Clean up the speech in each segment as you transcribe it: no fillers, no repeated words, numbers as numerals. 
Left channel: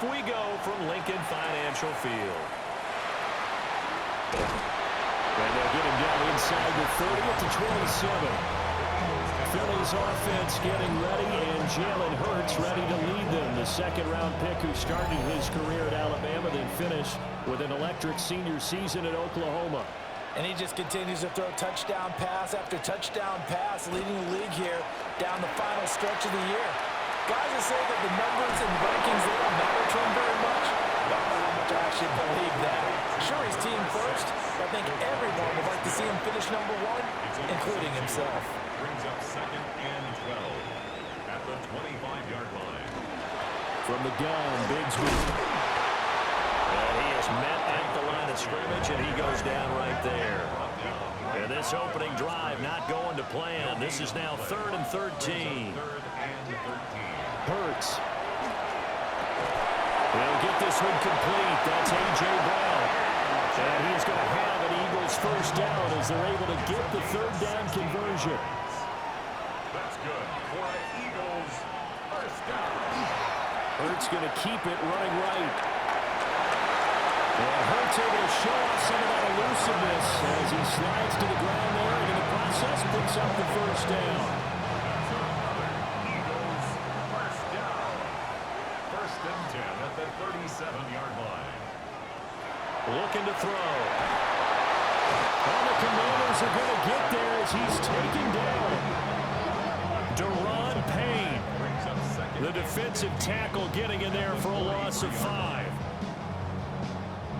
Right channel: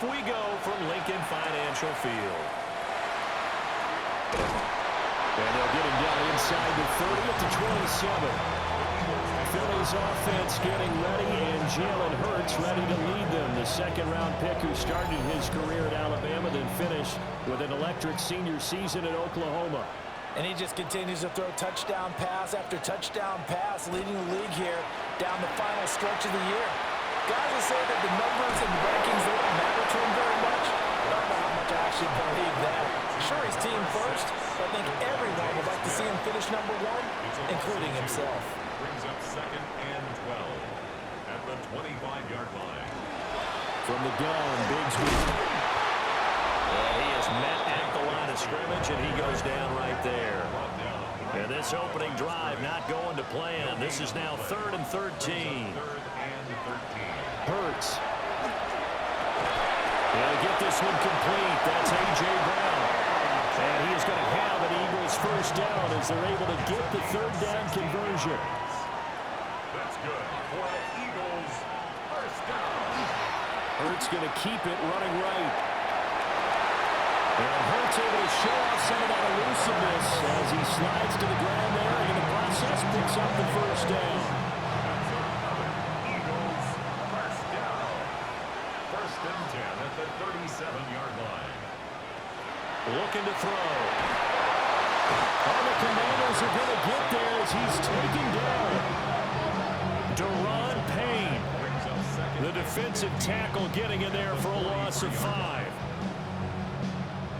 off we go from Lincoln Financial Field. And they'll get him down inside the 30 at the 27. Phillies offense getting ready, and Jalen Hurts ready to lead them. The second-round pick who started his career at Alabama, then finished with an electric senior season at Oklahoma. And he just continues to throw touchdown pass after touchdown pass, leading the league here down the final stretch of the year. Guys will say that the numbers and rankings, they don't matter to him very much. I don't know how much I actually believe that. Sure, he's team first, but I think everyone would like to see him finish number one, including himself. Brings up 2nd and 12 at the 25-yard line. From the gun, Bigsby. And he is met at the line of scrimmage, and he goes down right there. And this opening drive not going to plan. This is now 3rd and 13. Hurts. He'll get this one complete. That's A.J. Brown. And he is going to have an Eagles first down as they're able to get the third down conversion. That's good for an Eagles first down. Hurts going to keep it running right. And Hurts able to show off some of that elusiveness as he slides to the ground there, and in the process picks up the first down. That's another Eagles first down. 1st and 10 at the 37-yard line. Looking to throw. All the Commanders are going to get there as he's taken down. Daron Payne, the defensive tackle, getting in there for a loss of 5.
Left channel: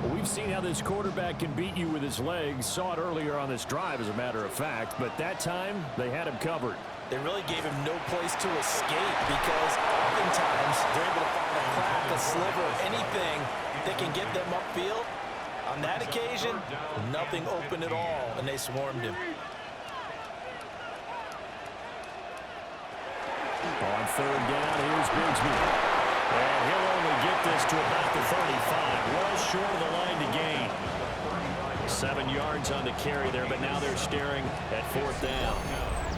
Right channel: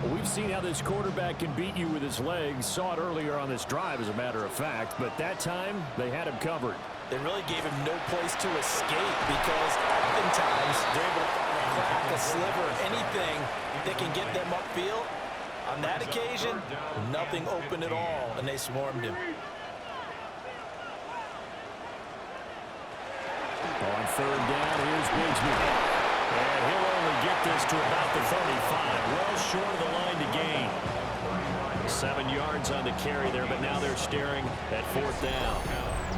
Well, we've seen how this quarterback can beat you with his legs. Saw it earlier on this drive, as a matter of fact. But that time, they had him covered. They really gave him no place to escape because oftentimes they're able to find a crack, a sliver, anything that can get them upfield. On that occasion, nothing open at all, and they swarmed him. On 3rd down, here's Bigsby. And he'll only get this to about the 35. Well short of the line to gain. 7 yards on the carry there, but now they're staring at 4th down.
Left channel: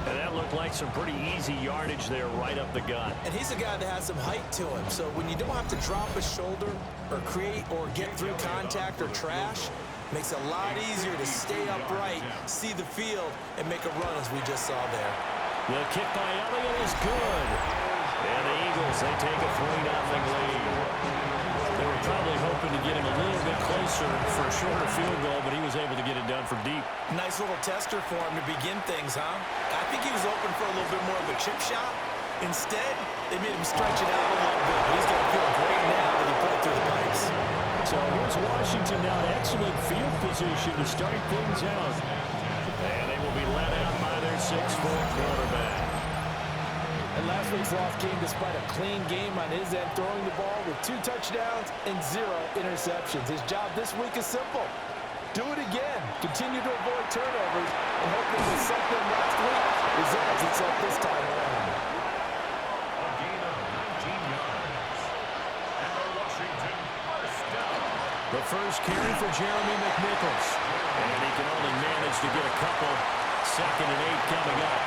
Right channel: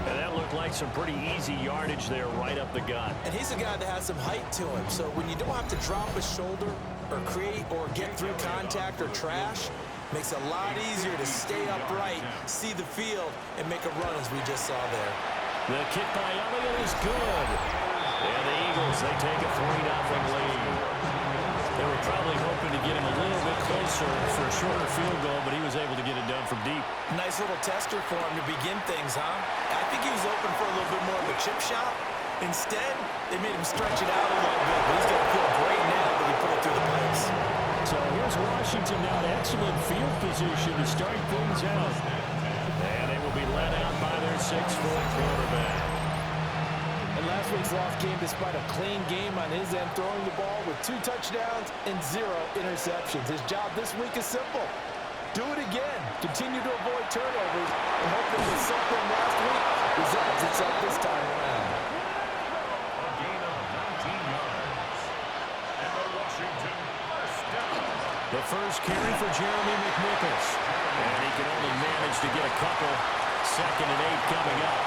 And that looked like some pretty easy yardage there right up the gut. And he's a guy that has some height to him, so when you don't have to drop a shoulder or create or get through contact or trash, makes it a lot easier to stay upright, see the field, and make a run as we just saw there. The kick by Elliott is good. And the Eagles, they take a 3-0 lead. They were probably hoping to get him a little bit closer for a shorter field goal, but he was able to get it done from deep. Nice little tester for him to begin things, huh? I think he was open for a little bit more of a chip shot. Instead, they made him stretch it out a little bit, but he's going to feel great now that he put it through the pipes. So here's Washington now in excellent field position to start things out. And they will be led out by their 6'4" quarterback. And last week's loss came despite a clean game on his end, throwing the ball with 2 touchdowns and 0 interceptions. His job this week is simple. Do it again. Continue to avoid turnovers and hope that with something last week resolves itself this time around. A gain of 19 yards. And the Washington first down. The first carry for Jeremy McNichols. And he can only manage to get a couple. 2nd and 8 coming up.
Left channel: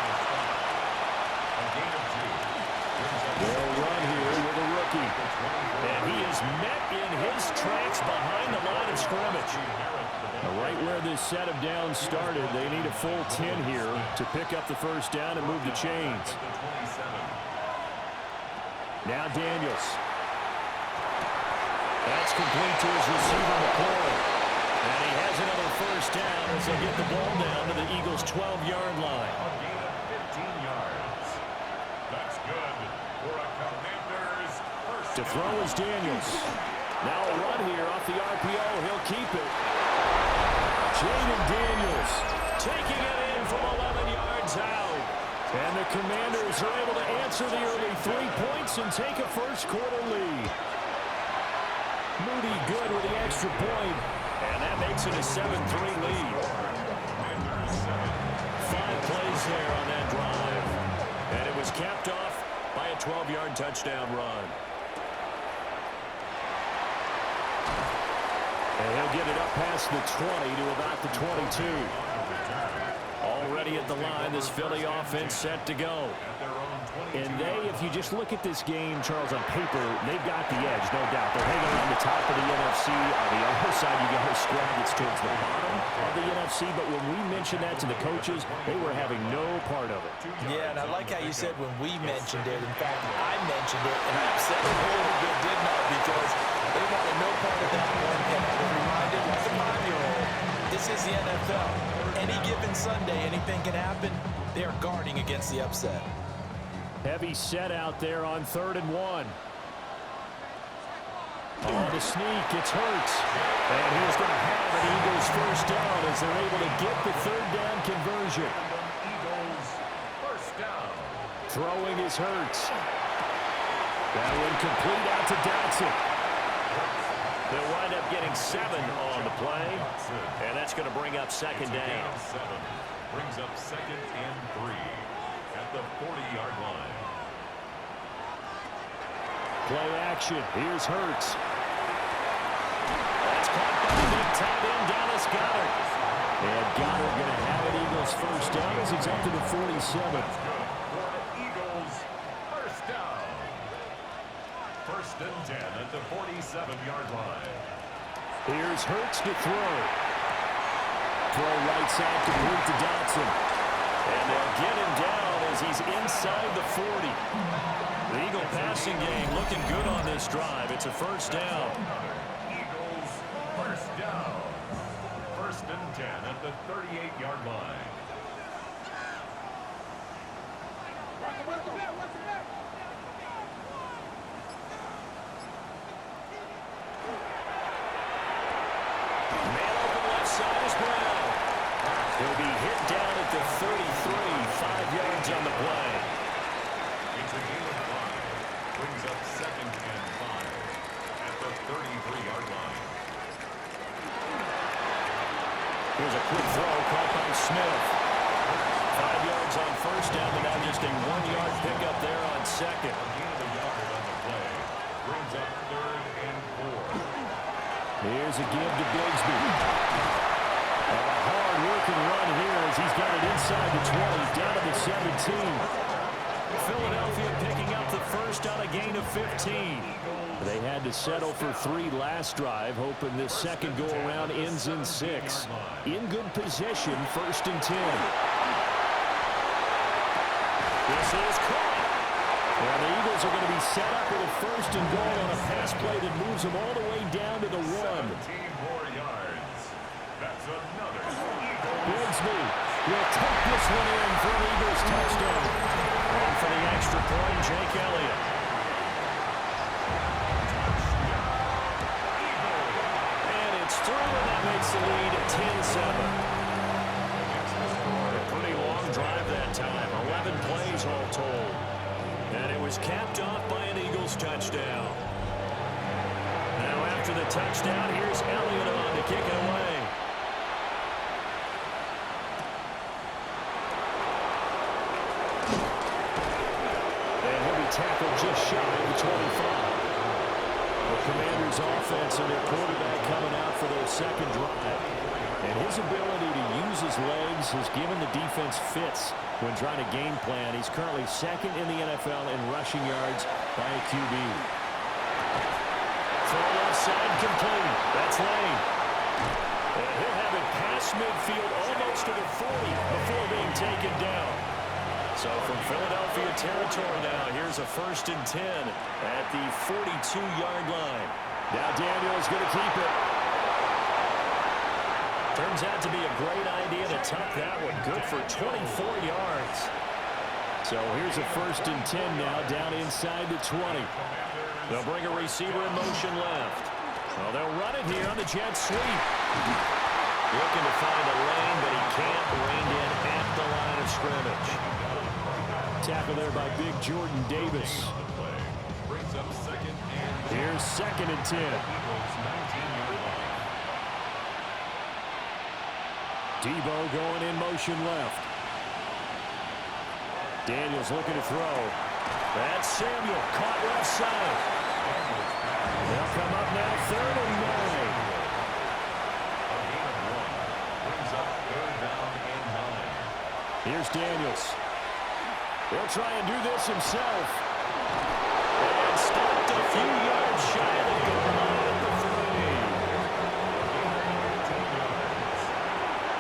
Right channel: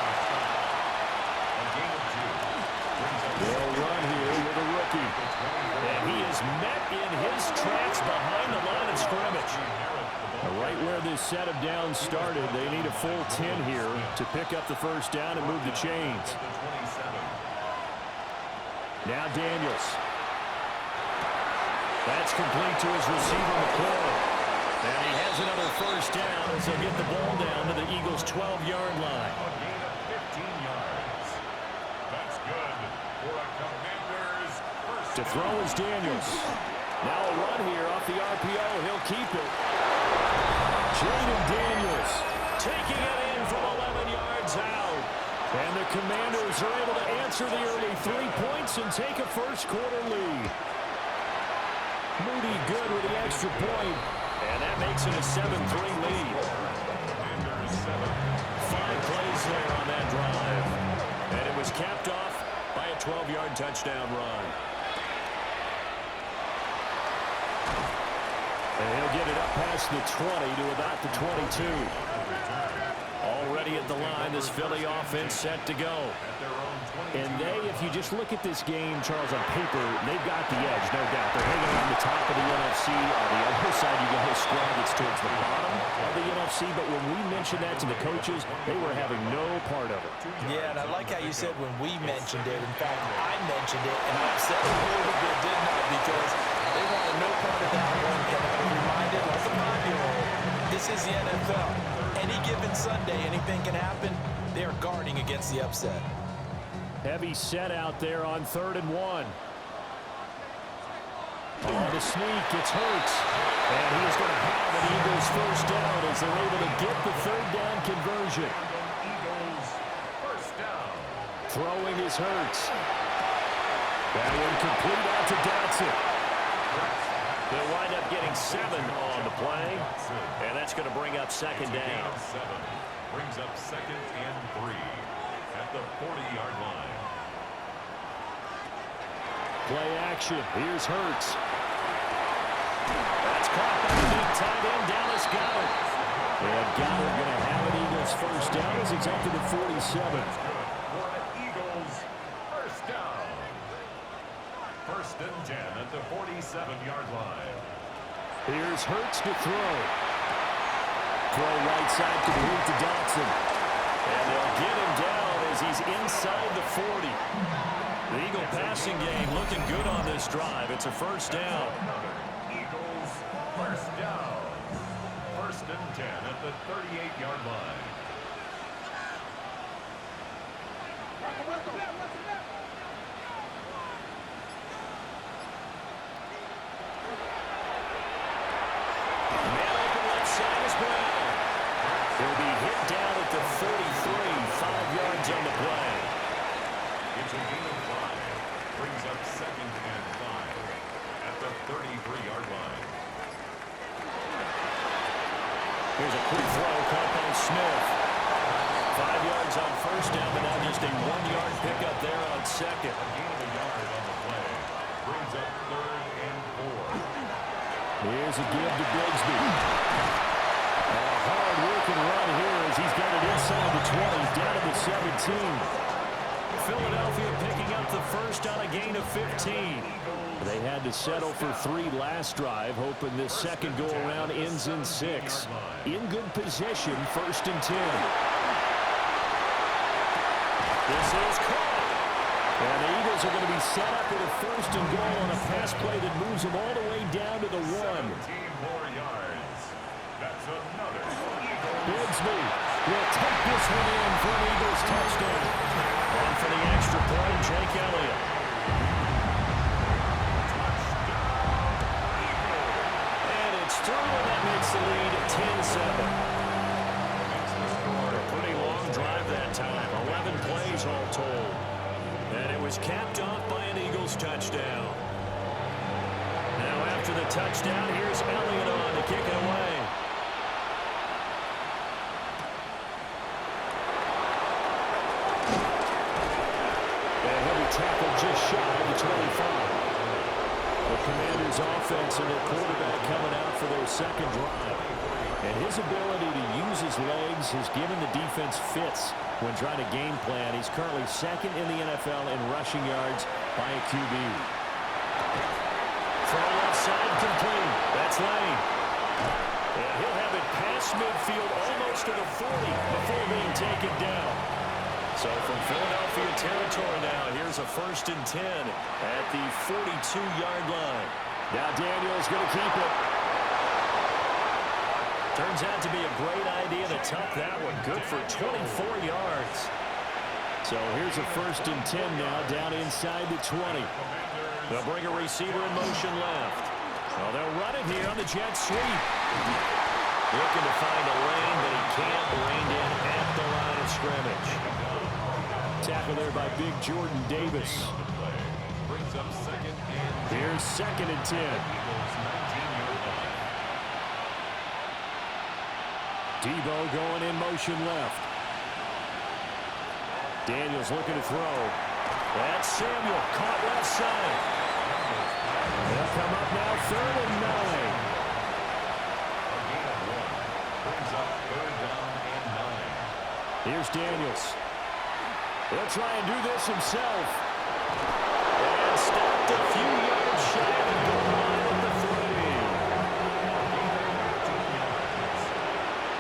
They'll run here with a rookie. And he is met in his tracks behind the line of scrimmage. Right where this set of downs started, they need a full 10 here to pick up the first down and move the chains. Now Daniels. That's complete to his receiver, McLaurin. And he has another first down as they'll get the ball down to the Eagles' 12-yard line. A gain of 15 yards. That's good for a Commanders first. To throw is Daniels. Now a run here off the RPO. He'll keep it. Jaden Daniels taking it in from 11 yards out. And the Commanders are able to answer the early 3 points and take a first-quarter lead. Moody good with the extra point. And that makes it a 7-3 lead. Commanders 7. 5 plays there on that drive. And it was capped off by a 12-yard touchdown run. And he'll get it up past the 20 to about the 22. Already at the line, this Philly offense set to go. At their own And they, if you just look at this game, Charles, on paper, they've got the edge, no doubt. They're hanging around the top of the NFC. On the other side, you got a squad that's towards the bottom of the NFC. But when we mentioned that to the coaches, they were having no part of it. Yeah, and I like how you said when we mentioned it. In fact, I mentioned it, and I upset them a little bit, didn't I? Because they wanted no part of that one. And I was reminded, like a 5-year-old, this is the NFL. Any given Sunday, anything can happen. They are guarding against the upset. Heavy set out there on 3rd and 1. On the sneak, it's Hurts. And he is going to have an Eagles first down as they're able to get the 3rd down conversion. Eagles first down. Throwing is Hurts. That one complete out to Dotson. They'll wind up getting 7 on the play. And that's going to bring up 2nd down. 7 brings up 2nd and 3 at the 40-yard line. Play action. Here's Hurts. That's caught by the big tight end, Dallas Goedert. And Goedert going to have an Eagles first down as he's up to the 47. That's good for the Eagles first down. 1st and 10 at the 47-yard line. Here's Hurts to throw. Throw right side complete to Dotson. And they'll get him down as he's inside the 40. The Eagle passing game looking good on this drive. It's a first down. Another Eagles first down. 1st and 10 at the 38-yard line. Man open left side is Brown. He'll be hit down at the 33, 5 yards on the play. It's a gain of 5. Brings up 2nd and 5 at the 33-yard line. Here's a quick throw caught by Smith. 5 yards on first down, but now just a 1-yard pickup there on 2nd. A gain of a yard on the play. Brings up 3rd and 4. Here's a give to Bigsby. And a hard-working run here as he's got it inside the 20, down to the 17. Philadelphia picking up the first on a gain of 15. They had to settle for 3 last drive, hoping this second go-around ends in 6. In good position, 1st and 10. This is caught. And the Eagles are going to be set up with a 1st and goal on a pass play that moves them all the way down to the 1. 17 more yards. That's another Eagles. Bigsby will take this one in for an Eagles touchdown. On for the extra point, Jake Elliott. And it's through, and that makes the lead 10-7. A pretty long drive that time, 11 plays all told. And it was capped off by an Eagles touchdown. Now after the touchdown, here's Elliott on to kick it away. And he'll be tackled just shy of the 25. The Commanders' offense and their quarterback coming out for their second drive. And his ability to use his legs has given the defense fits when trying to game plan. He's currently 2nd in the NFL in rushing yards by a QB. Throw left side complete. That's Lane. And he'll have it past midfield almost to the 40 before being taken down. So from Philadelphia territory now, here's a 1st and 10 at the 42-yard line. Now Daniel's going to keep it. Turns out to be a great idea to tuck that one. Good for 24 yards. So here's a 1st and 10 now down inside the 20. They'll bring a receiver in motion left. Well, they'll run it here on the jet sweep. Looking to find a lane, but he can't. Reined in at the line of scrimmage. Tackle there by big Jordan Davis. Brings up 2nd and 10. Here's 2nd and 10. Eagles 19-yard line. Debo going in motion left. Daniels looking to throw. That's Samuel caught left side. They'll come up now 3rd and 9. A gain of 1. Brings up 3rd down and 9. Here's Daniels. He'll try and do this himself. And stopped a few yards shy of the goal line at the 3.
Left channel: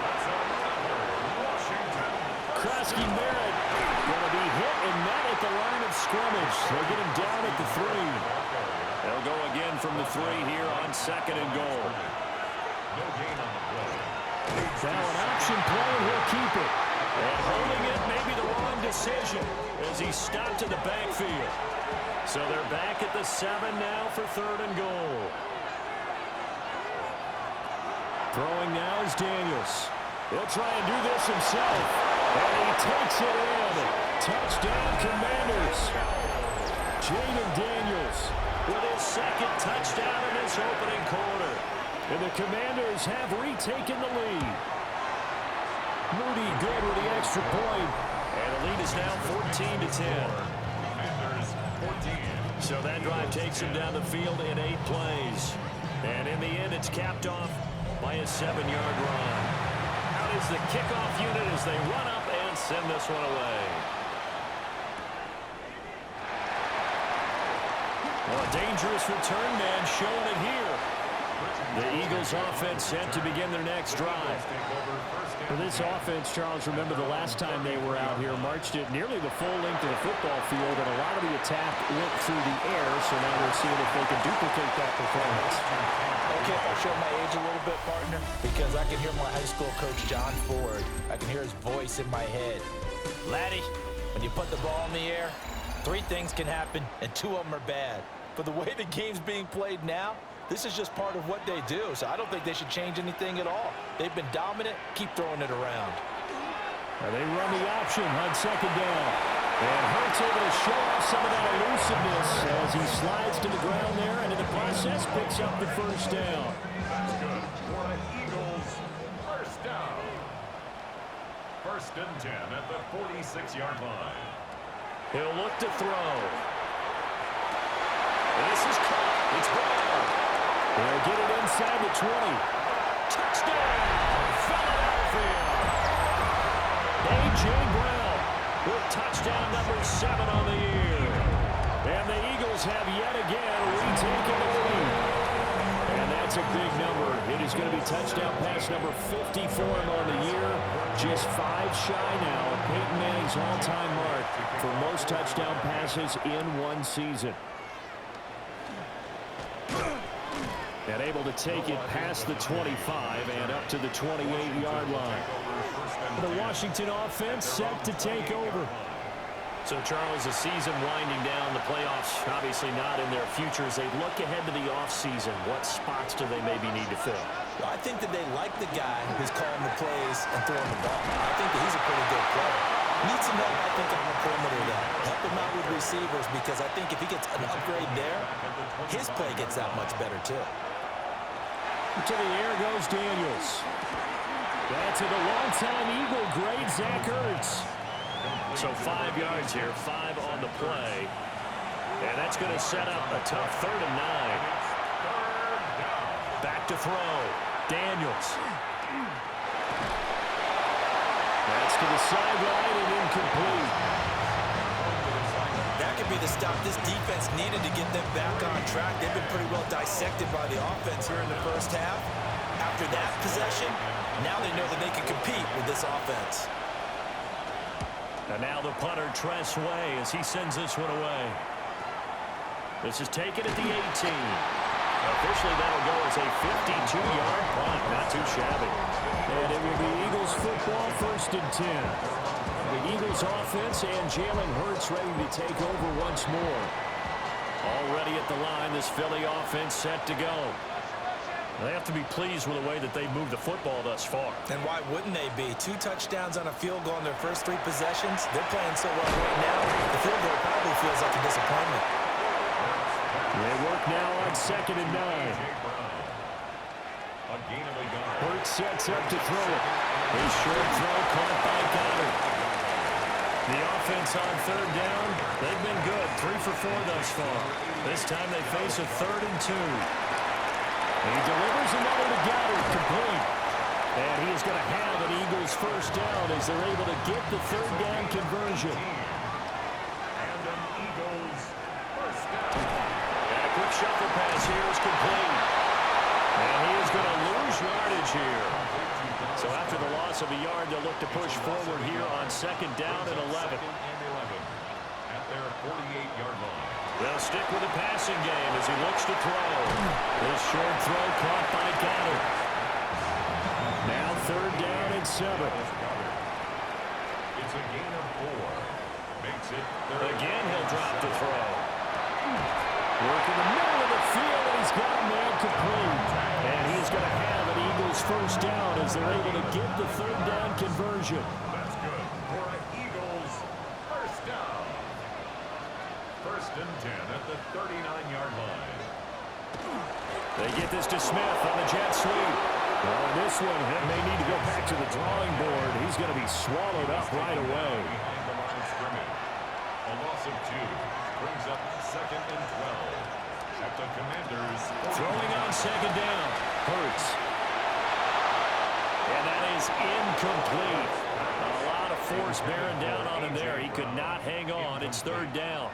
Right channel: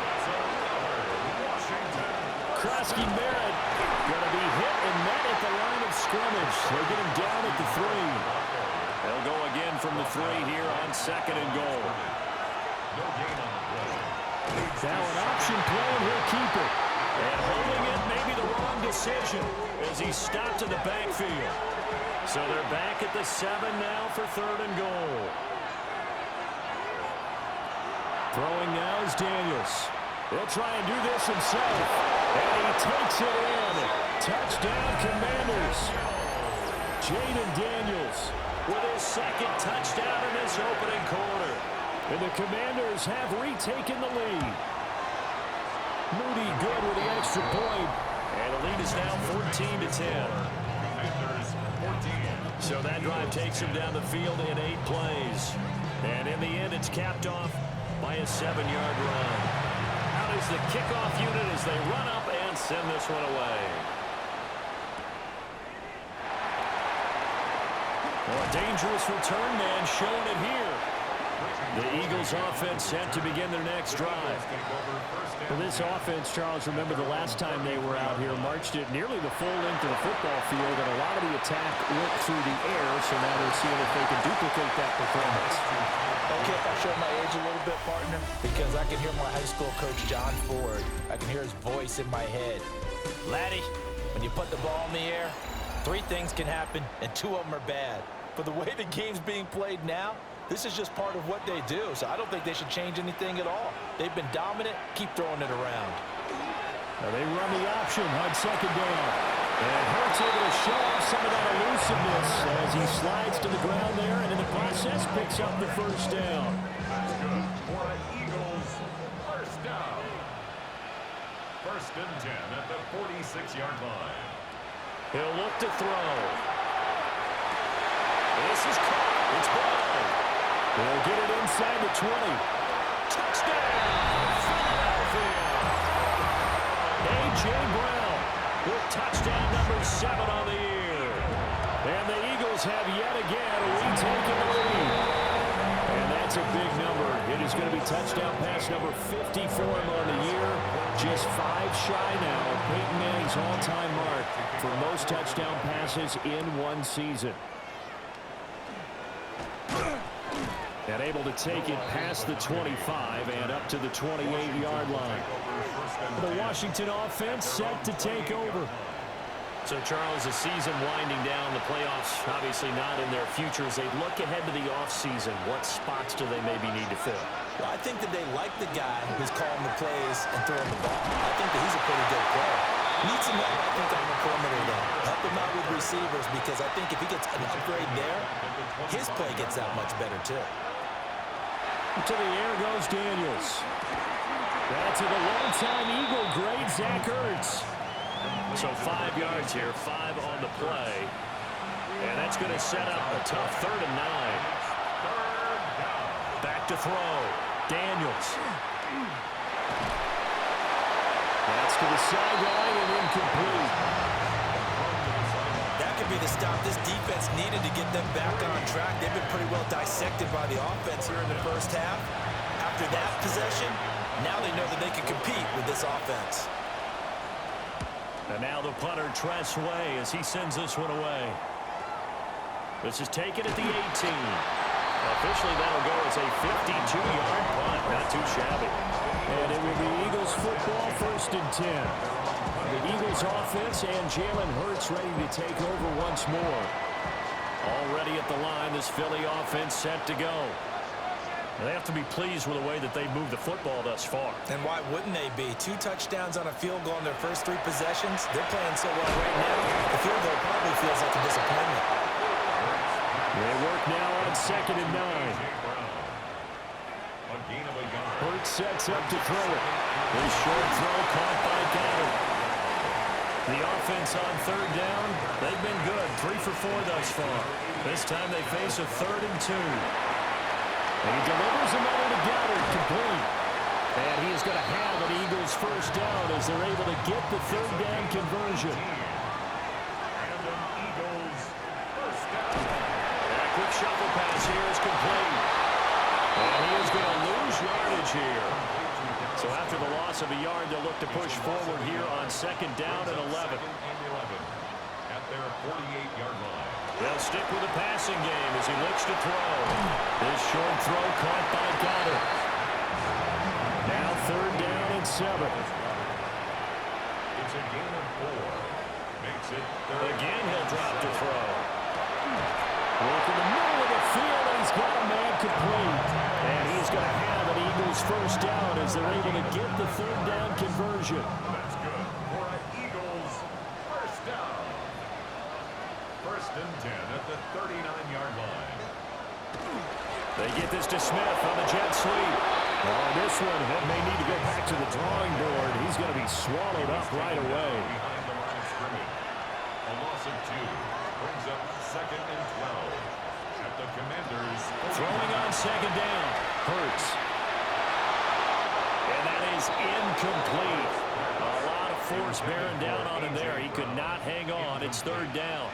That's another Washington. Krusky Barrett going to be hit and met at the line of scrimmage. They get him down at the 3. They'll go again from the 3 here on 2nd and goal. No gain on the play. Now an option play, and he'll keep it. And holding it may be the wrong decision as he stopped in the backfield. So they're back at the 7 now for 3rd and goal. Throwing now is Daniels. He'll try and do this himself. And he takes it in. Touchdown, Commanders. Jaden Daniels with his 2nd touchdown in this opening quarter. And the Commanders have retaken the lead. Moody good with the extra point. And the lead is now 14-10. Commanders 14. So that drive takes him down the field in 8 plays. And in the end, it's capped off by a 7-yard run. Out is the kickoff unit as they run up and send this one away. Well, a dangerous return man showing it here. The Eagles offense set to begin their next drive. For this offense, Charles, remember the last time they were out here, marched it nearly the full length of the football field, and a lot of the attack went through the air, so now they're seeing if they can duplicate that performance. Okay, if I show my age a little bit, partner, because I can hear my high school coach, John Ford. I can hear his voice in my head. Laddie, when you put the ball in the air, 3 things can happen, and 2 of them are bad. But the way the game's being played now, this is just part of what they do, so I don't think they should change anything at all. They've been dominant. Keep throwing it around. Now they run the option on 2nd down. And Hurts able to show off some of that elusiveness as he slides to the ground there, and in the process picks up the 1st down. That's good for the Eagles. 1st down. 1st and 10 at the 46-yard line. He'll look to throw. This is caught. It's Brown. They'll get it inside the 20. Touchdown, Philadelphia. A.J. Brown with touchdown number 7 on the year. And the Eagles have yet again retaken the lead. And that's a big number. It is going to be touchdown pass number 50 for him on the year. Just 5 shy now of Peyton Manning's all-time mark for most touchdown passes in one season. And able to take it past the 25 and up to the 28-yard line. The Washington offense set to take over. So, Charles, the season winding down, the playoffs obviously not in their future. As they look ahead to the offseason, what spots do they maybe need to fill? Well, I think that they like the guy who's calling the plays and throwing the ball. I think that he's a pretty good player. Needs some help, I think, on the perimeter, though. Help him out with receivers, because I think if he gets an upgrade there, his play gets that much better, too. To the air goes Daniels. That's to the longtime Eagle great Zach Ertz. So 5 yards here, 5 on the play. And that's going to set up a tough 3rd and 9. Back to throw. Daniels. That's to the sideline and incomplete. That could be the stop this defense needed to get them back on track. They've been pretty well dissected by the offense here in the 1st half. After that possession, now they know that they can compete with this offense. And now the punter, Tress Way, as he sends this one away. This is taken at the 18. Officially, that'll go as a 52-yard punt. Not too shabby. And it will be Eagles football, 1st and 10. The Eagles offense and Jalen Hurts ready to take over once more. Already at the line, this Philly offense set to go. They have to be pleased with the way that they moved the football thus far. And why wouldn't they be? 2 touchdowns on a field goal in their first 3 possessions. They're playing so well right now, the field goal probably feels like a disappointment. They work now on 2nd and 9. A gain of a yard. Hurts sets up to throw it. His short throw caught by Goddard. The offense on 3rd down, they've been good. 3 for 4 thus far. This time they face a 3rd and 2. He delivers another to Goddard, complete. And he is going to have an Eagles 1st down as they're able to get the 3rd down conversion. shuffle pass here is complete. And he is going to lose yardage here. So after the loss of a yard, they'll look to push forward here on 2nd down and 11. At their 48-yard line. They'll stick with the passing game as he looks to throw. This short throw caught by Goddard. Now 3rd down and 7. It's a gain of 4. Makes it Again, he'll drop to throw. Work in the middle of the field, and he's got a man complete. And he's going to have an Eagles 1st down as they're able to get the 3rd down conversion. That's good for an Eagles 1st down. 1st and 10 at the 39-yard line. They get this to Smith on the jet sweep. Well, in this one, he may need to go back to the drawing board. He's going to be swallowed up right away. Behind the line of scrimmage. A loss of 2 brings up 2nd and 12 at the Commanders. Throwing on 2nd down. Hurts. And that is incomplete. A lot of force bearing down on him there. He could not hang on. It's 3rd down.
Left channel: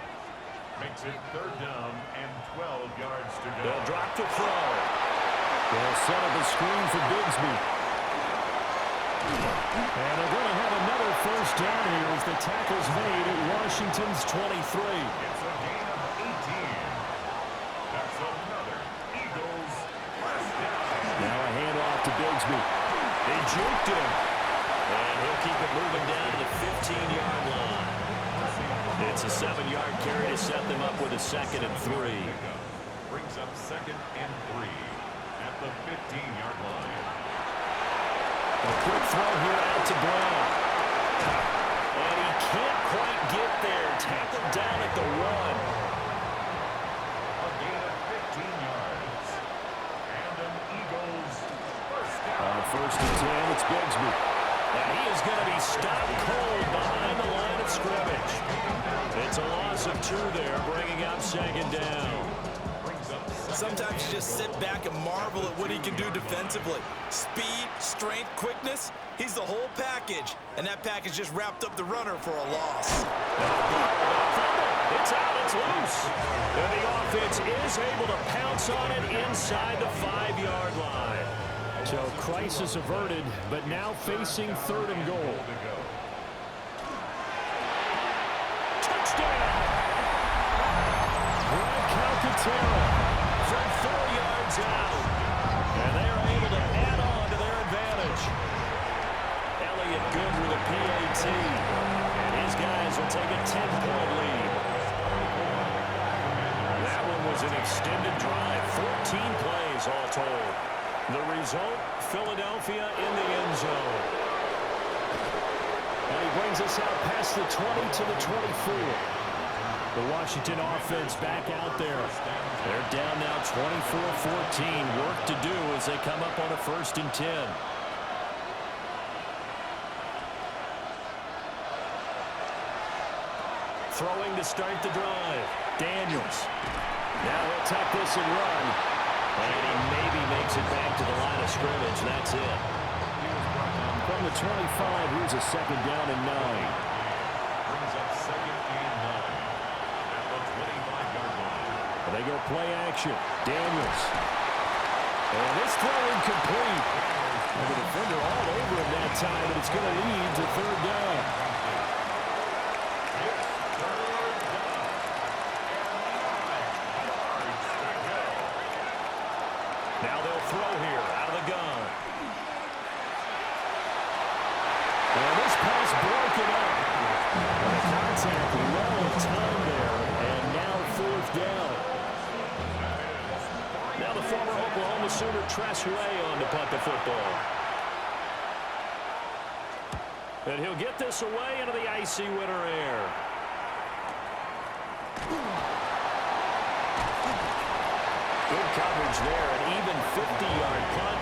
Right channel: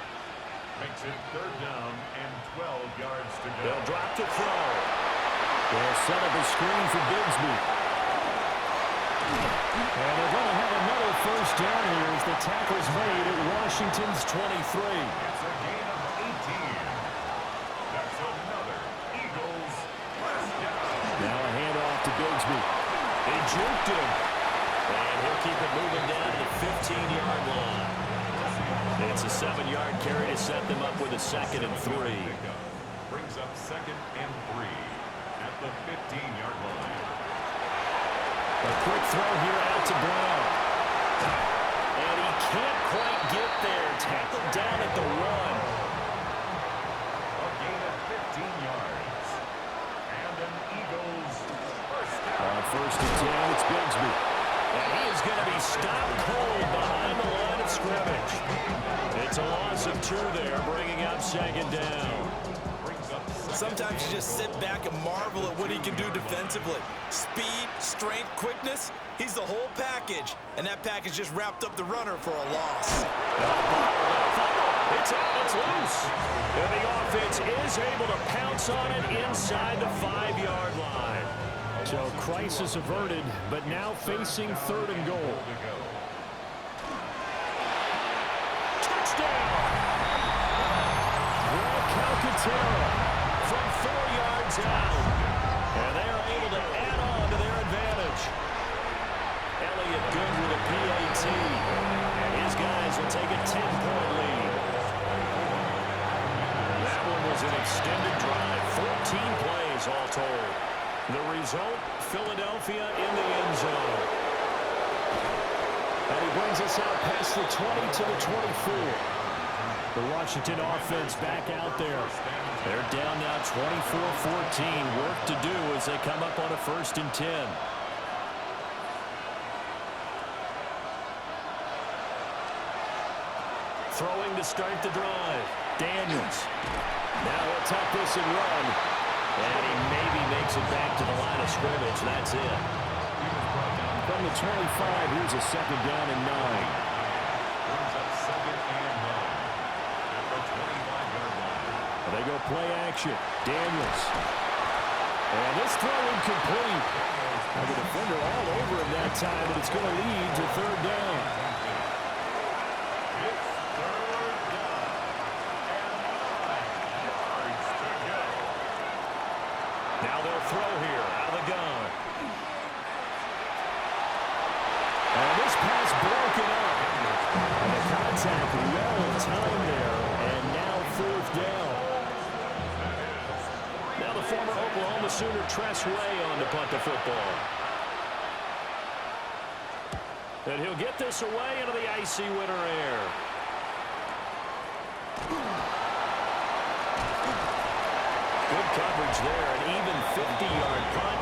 Makes it 3rd down and 12 yards to go. They'll drop to throw. They'll set up a screen for Bigsby. And they're going to have another 1st down here as the tackle's made at Washington's 23. It's a gain of 18. That's another Eagles 1st down. Now a handoff to Bigsby. They juked him. And he'll keep it moving down to the 15-yard line. It's a 7-yard carry to set them up with a 2nd and 3. Brings up 2nd and 3 at the 15-yard line. A quick throw here out to Brown. And he can't quite get there. Tackled down at the 1. A gain of 15 yards. And an Eagles 1st down. On 1st and 10, it's Bigsby. And he is going to be stopped cold behind the line of scrimmage. It's a loss of 2 there, bringing up 2nd down. Sometimes you just sit back and marvel at what he can do defensively. Speed, strength, quickness, he's the whole package. And that package just wrapped up the runner for a loss. It's out, it's loose. And the offense is able to pounce on it inside the 5-yard line. So crisis averted, but now facing 3rd and goal. Touchdown! Greg Calcaterra from 4 yards out. And they are able to add on to their advantage. Elliott good with a PAT. And his guys will take a 10-point lead. That one was an extended drive. 14 plays all told. The result, Philadelphia in the end zone. And he brings us out past the 20 to the 24. The Washington offense back out there. They're down now 24-14. Work to do as they come up on a 1st and 10. Throwing to start the drive. Daniels. Now he'll tuck this and run. And he maybe makes it back to the line of scrimmage. That's it. From the 25, here's a 2nd down and 9. Brings up 2nd and 9 at the 25-yard line. They go play action. Daniels. And this throw incomplete. And the defender all over him that time, but it's going to lead to 3rd down. It's 3rd down and 9 yards to go. Now they'll throw here out of the gun. And this pass broken up. And the contact well timed there. And now 4th down. Now the former Oklahoma Sooner Tress Way on to punt the football. And he'll get this away into the icy winter air. Good coverage there. An even 50-yard punt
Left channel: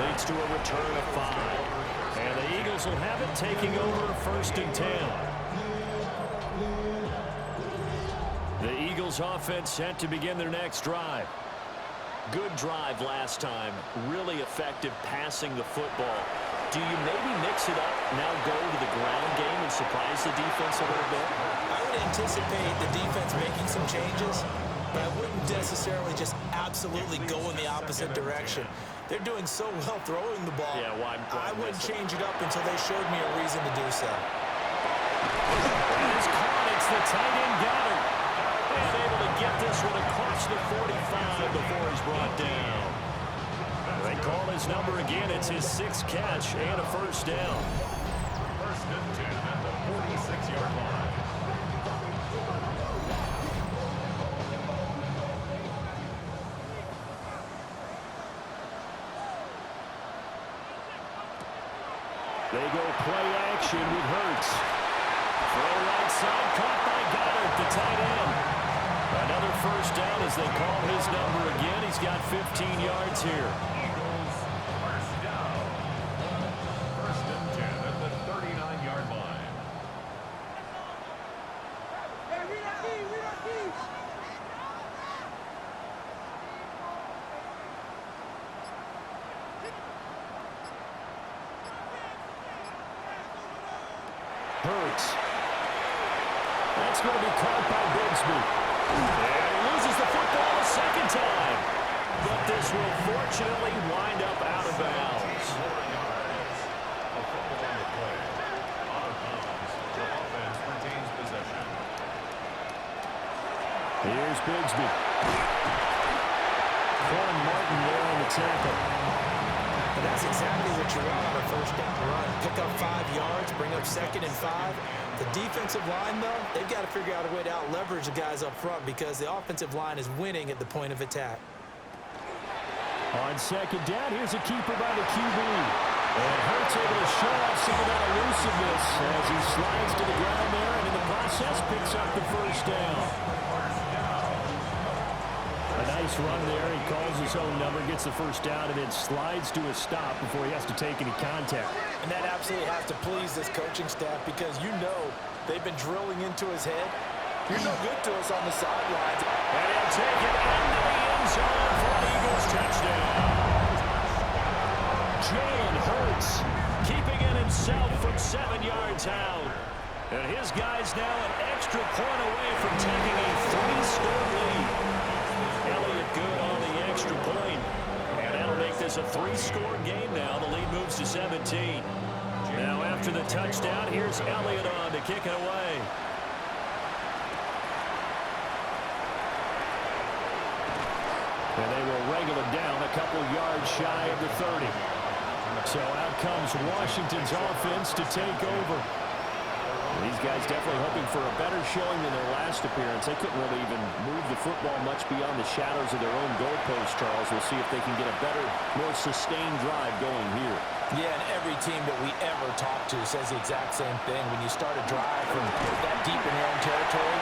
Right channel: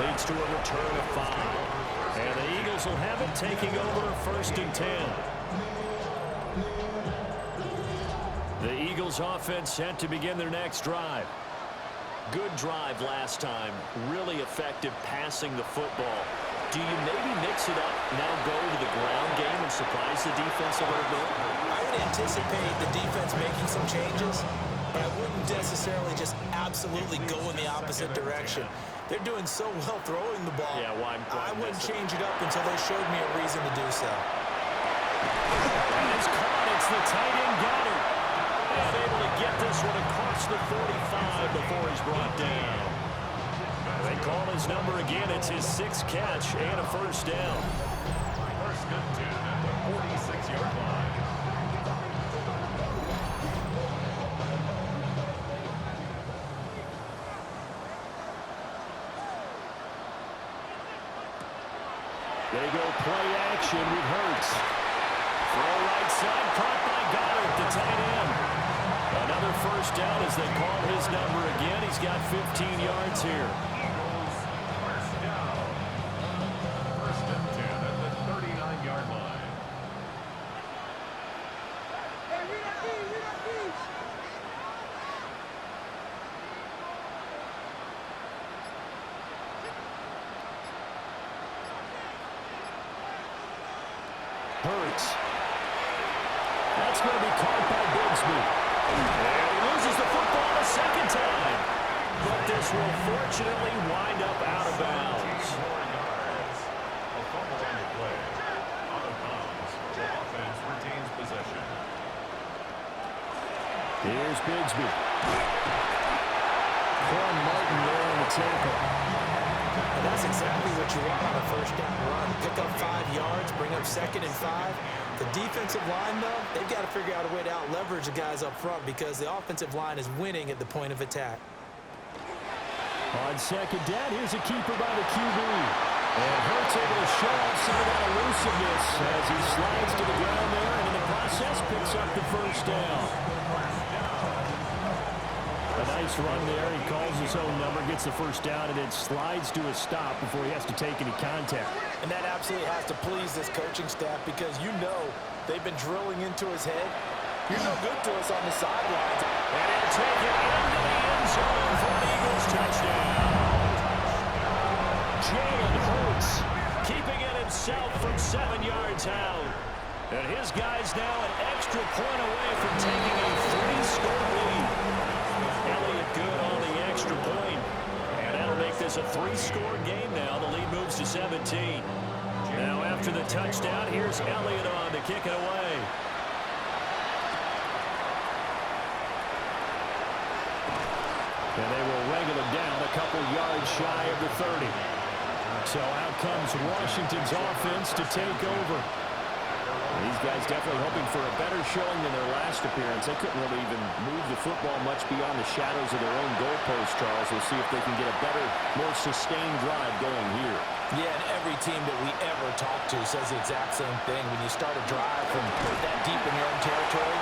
leads to a return of 5. And the Eagles will have it taking over 1st and 10. The Eagles offense set to begin their next drive. Good drive last time. Really effective passing the football. Do you maybe mix it up, now go to the ground game and surprise the defense a little bit? I would anticipate the defense making some changes, but I wouldn't necessarily just absolutely go in the opposite direction. They're doing so well throwing the ball. Yeah, I wouldn't change it up until they showed me a reason to do so. And it's caught. It's the tight end Goddard. And able to get this one across the 45 before he's brought down. They call his number again. It's his 6th catch and a first down. First and 10 at the 46-yard line. They go play action with Hurts. Throw right side, caught by Goddard, the tight end. Another first down as they call his number again. He's got 15 yards here. Eagles, first down. First and 10 at the 39-yard line. Hurts. That's going to be caught by Bigsby. And he loses the football a second time. But this will fortunately wind up out of bounds. 14 more yards. A fumble on the play. Out of bounds. The offense retains possession. Here's Bigsby. Quan Martin there on the tackle. And that's exactly what you want on a first down run. Pick up 5 yards, bring up 2nd and 5. The defensive line, though, they've got to figure out a way to out-leverage the guys up front because the offensive line is winning at the point of attack. On second down, here's a keeper by the QB. And Hurts able to show off some of that elusiveness as he slides to the ground there and in the process picks up the first down. A nice run there. He calls his own number, gets the first down, and then slides to a stop before he has to take any contact. And that absolutely has to please this coaching staff because you know they've been drilling into his head. You're no good to us on the sidelines. And he'll take it into the end zone for an Eagles touchdown. Jalen Hurts keeping it himself from 7 yards out. And his guy's now an extra point away from taking a 3-score lead. Elliott good on the extra point. And that'll make this a 3-score game now. The lead moves to 17. Now after the touchdown, here's Elliott on to kick it away. And they will wrangle it down a couple yards shy of the 30. So out comes Washington's offense to take over. These guys definitely hoping for a better showing than their last appearance. They couldn't really even move the football much beyond the shadows of their own goalpost, Charles. We'll see if they can get a better, more sustained drive going here. Yeah, and every team that we ever talk to says the exact same thing. When you start a drive from that deep in your own territory,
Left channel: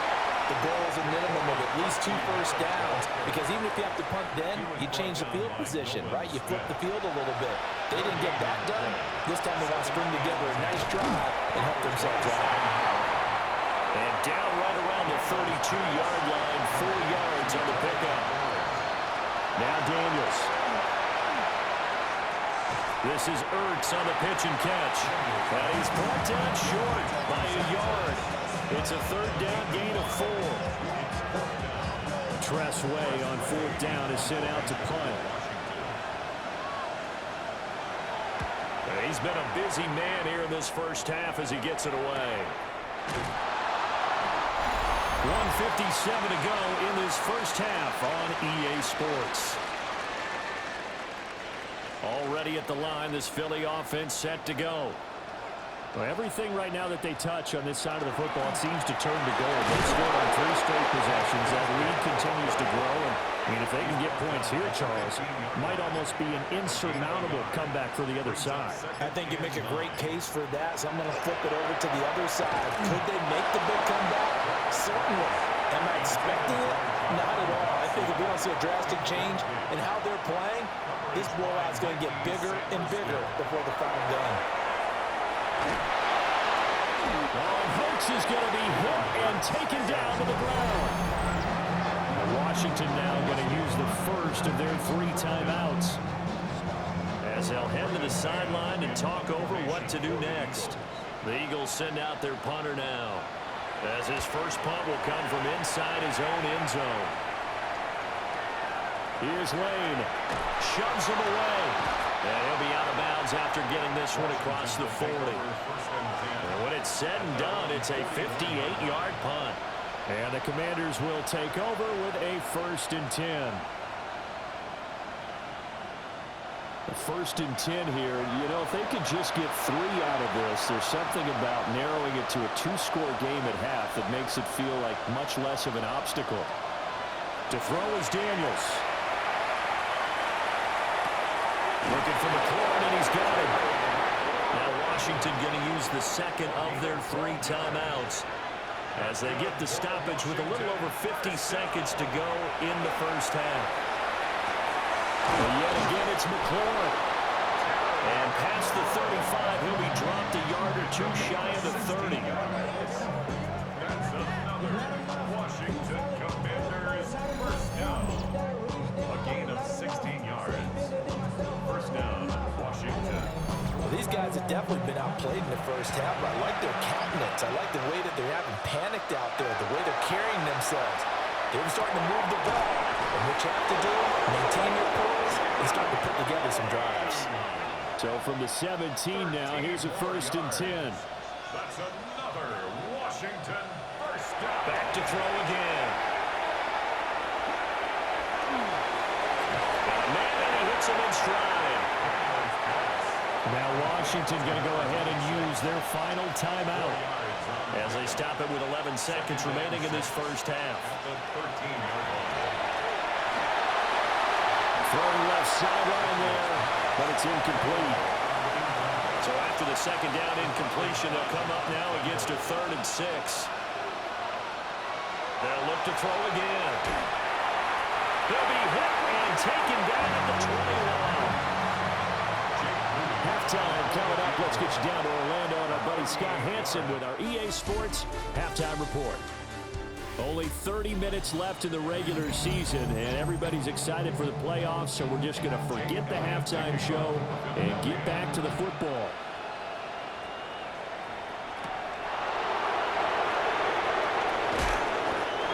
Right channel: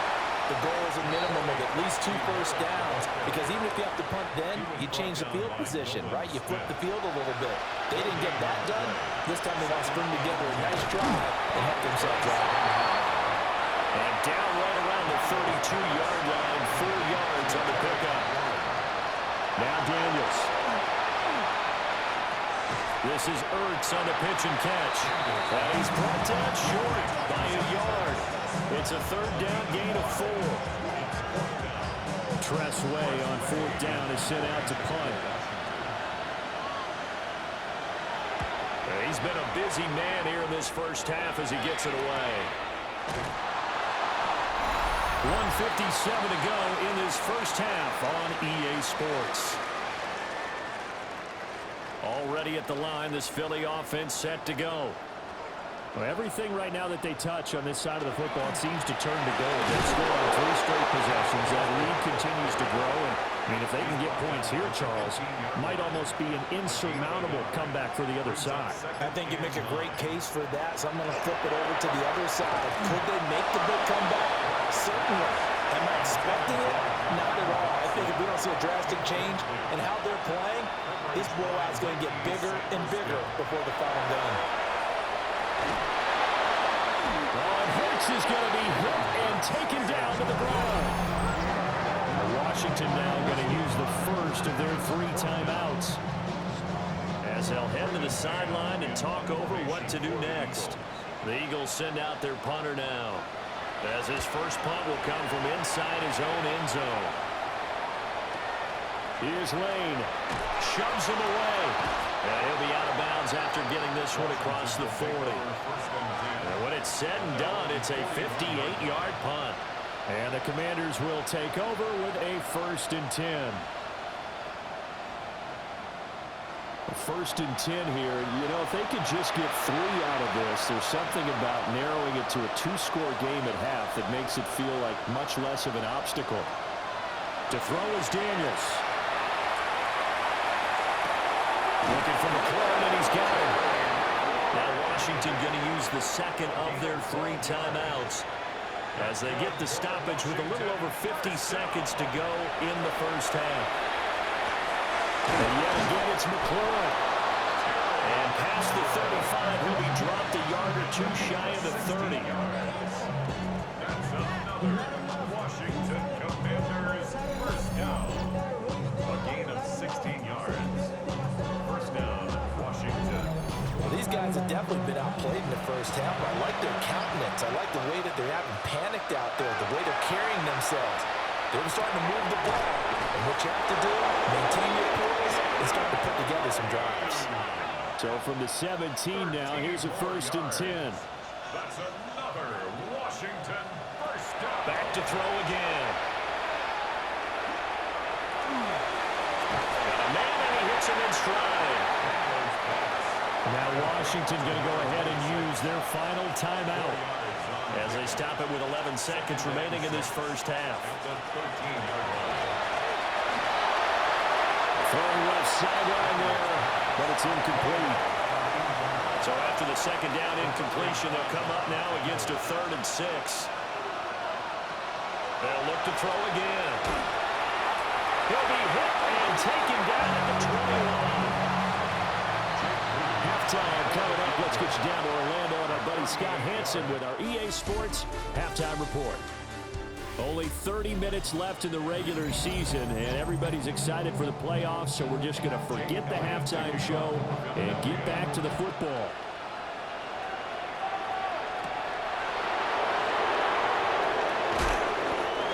the goal is a minimum of at least 2 first downs because even if you have to punt then, you change the field position, right? You flip the field a little bit. They didn't get that done. This time they want to string together a nice drive and help themselves out. And down right around the 32-yard line, 4 yards on the pickup. Now Daniels. This is Ertz on the pitch and catch. And he's brought down short by a yard. It's a 3rd down gain of 4. Tress Way on 4th down is sent out to punt. He's been a busy man here in this first half as he gets it away. 1:57 to go in this first half on EA Sports. Already at the line, this Philly offense set to go. Well, everything right now that they touch on this side of the football, it seems to turn to gold. They've scored on 3 straight possessions. That lead continues to grow. And, I mean, if they can get points here, Charles, might almost be an insurmountable comeback for the other side. I think you make a great case for that, so I'm going to flip it over to the other side. Could they make the big comeback? Certainly. Am I expecting it? Not at all. I think if we don't see a drastic change in how they're playing, this blowout's going to get bigger and bigger before the final gun. Oh, and Hurts is going to be hit and taken down to the ground. Washington now going to use the first of their 3 timeouts as they'll head to the sideline and talk over what to do next. The Eagles send out their punter now, as his first punt will come from inside his own end zone. Here's Lane. Shoves him away. And he'll be out of bounds after getting this one across the 40. And when it's said and done, it's a 58-yard punt. And the Commanders will take over with a 1st and 10. First and 10 here. You know, if they could just get 3 out of this, there's something about narrowing it to a 2-score game at half that makes it feel like much less of an obstacle. To throw is Daniels. Looking for McLaurin, and he's got him. Now Washington going to use the second of their 3 timeouts as they get the stoppage with a little over 50 seconds to go in the first half. And yet again, it's McLaurin. And past the 35, he'll be dropped a yard or 2 shy of the 30. That's another Washington Commanders first down. A gain of 16 yards. First down, Washington. Well, these guys have definitely been outplayed in the first half, but I like their countenance. I like the way that they haven't panicked out there, the way they're carrying themselves. They're starting to move the ball. And what you have to do, maintain your poise and start to put together some drives. So from the 17 now, here's a 1st and 10. That's another Washington first down. Back to throw again. Got a man, and he hits him in stride. Now Washington going to go ahead and use their final timeout as they stop it with 11 seconds remaining in this first half. At the 13-yard line. Throwing left sideline there, but it's incomplete. So after the second down incompletion, they'll come up now against a 3rd and 6. They'll look to throw again. He'll be hit and taken down at the 21. Halftime coming up. Let's get you down to Orlando and our buddy Scott Hanson with our EA Sports Halftime Report. Only 30 minutes left in the regular season, and everybody's excited for the playoffs, so we're just going to forget the halftime show and get back to the football.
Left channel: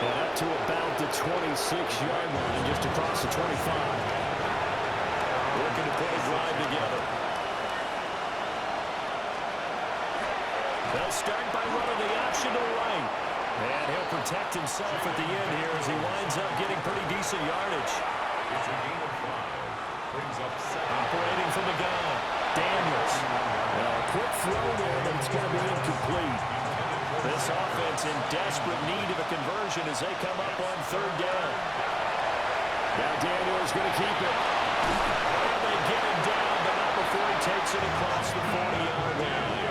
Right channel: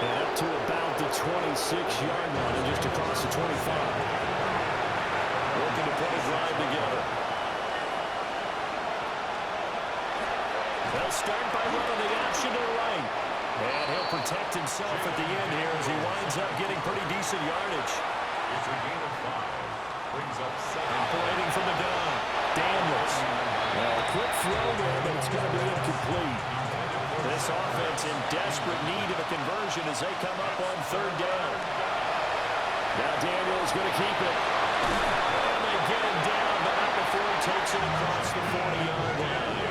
And up to about the 26-yard line and just across the 25. Working to put a drive together. They'll start by running the option to the right. And he'll protect himself at the end here as he winds up getting pretty decent yardage. It's a gain of 5. Brings up 7. Operating from the gun, Daniels. Well, a quick throw there, but it's going to be incomplete. This offense in desperate need of a conversion as they come up on 3rd down. Now Daniels going to keep it. And they get him down, but not before he takes it across the 40-yard line.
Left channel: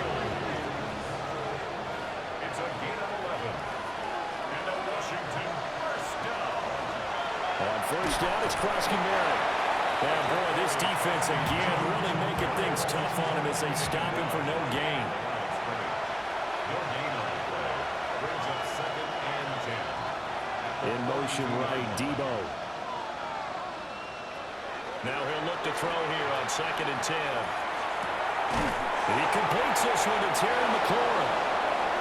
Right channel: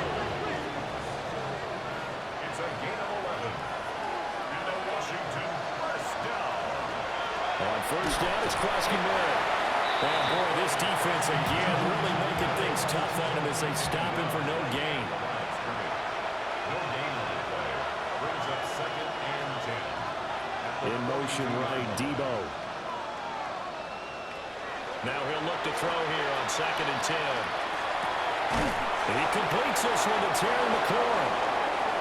It's a gain of 11. And a Washington first down. On 1st down, it's Krosky Merritt. And boy, this defense again really making things tough on him as they stop him for no gain. No gain on the play. Brings up 2nd and 10. In motion right, Debo. Now he'll look to throw here on 2nd and 10. He completes this one to Terry McLaurin.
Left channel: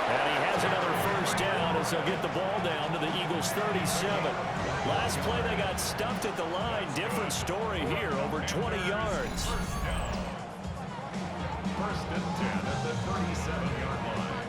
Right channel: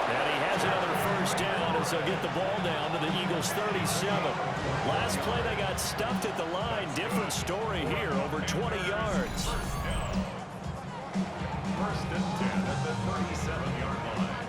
And he has another first down as they'll get the ball down to the Eagles' 37. Last play they got stuffed at the line. Different story here, over 20 yards. First down. 1st and 10 at the 37-yard line.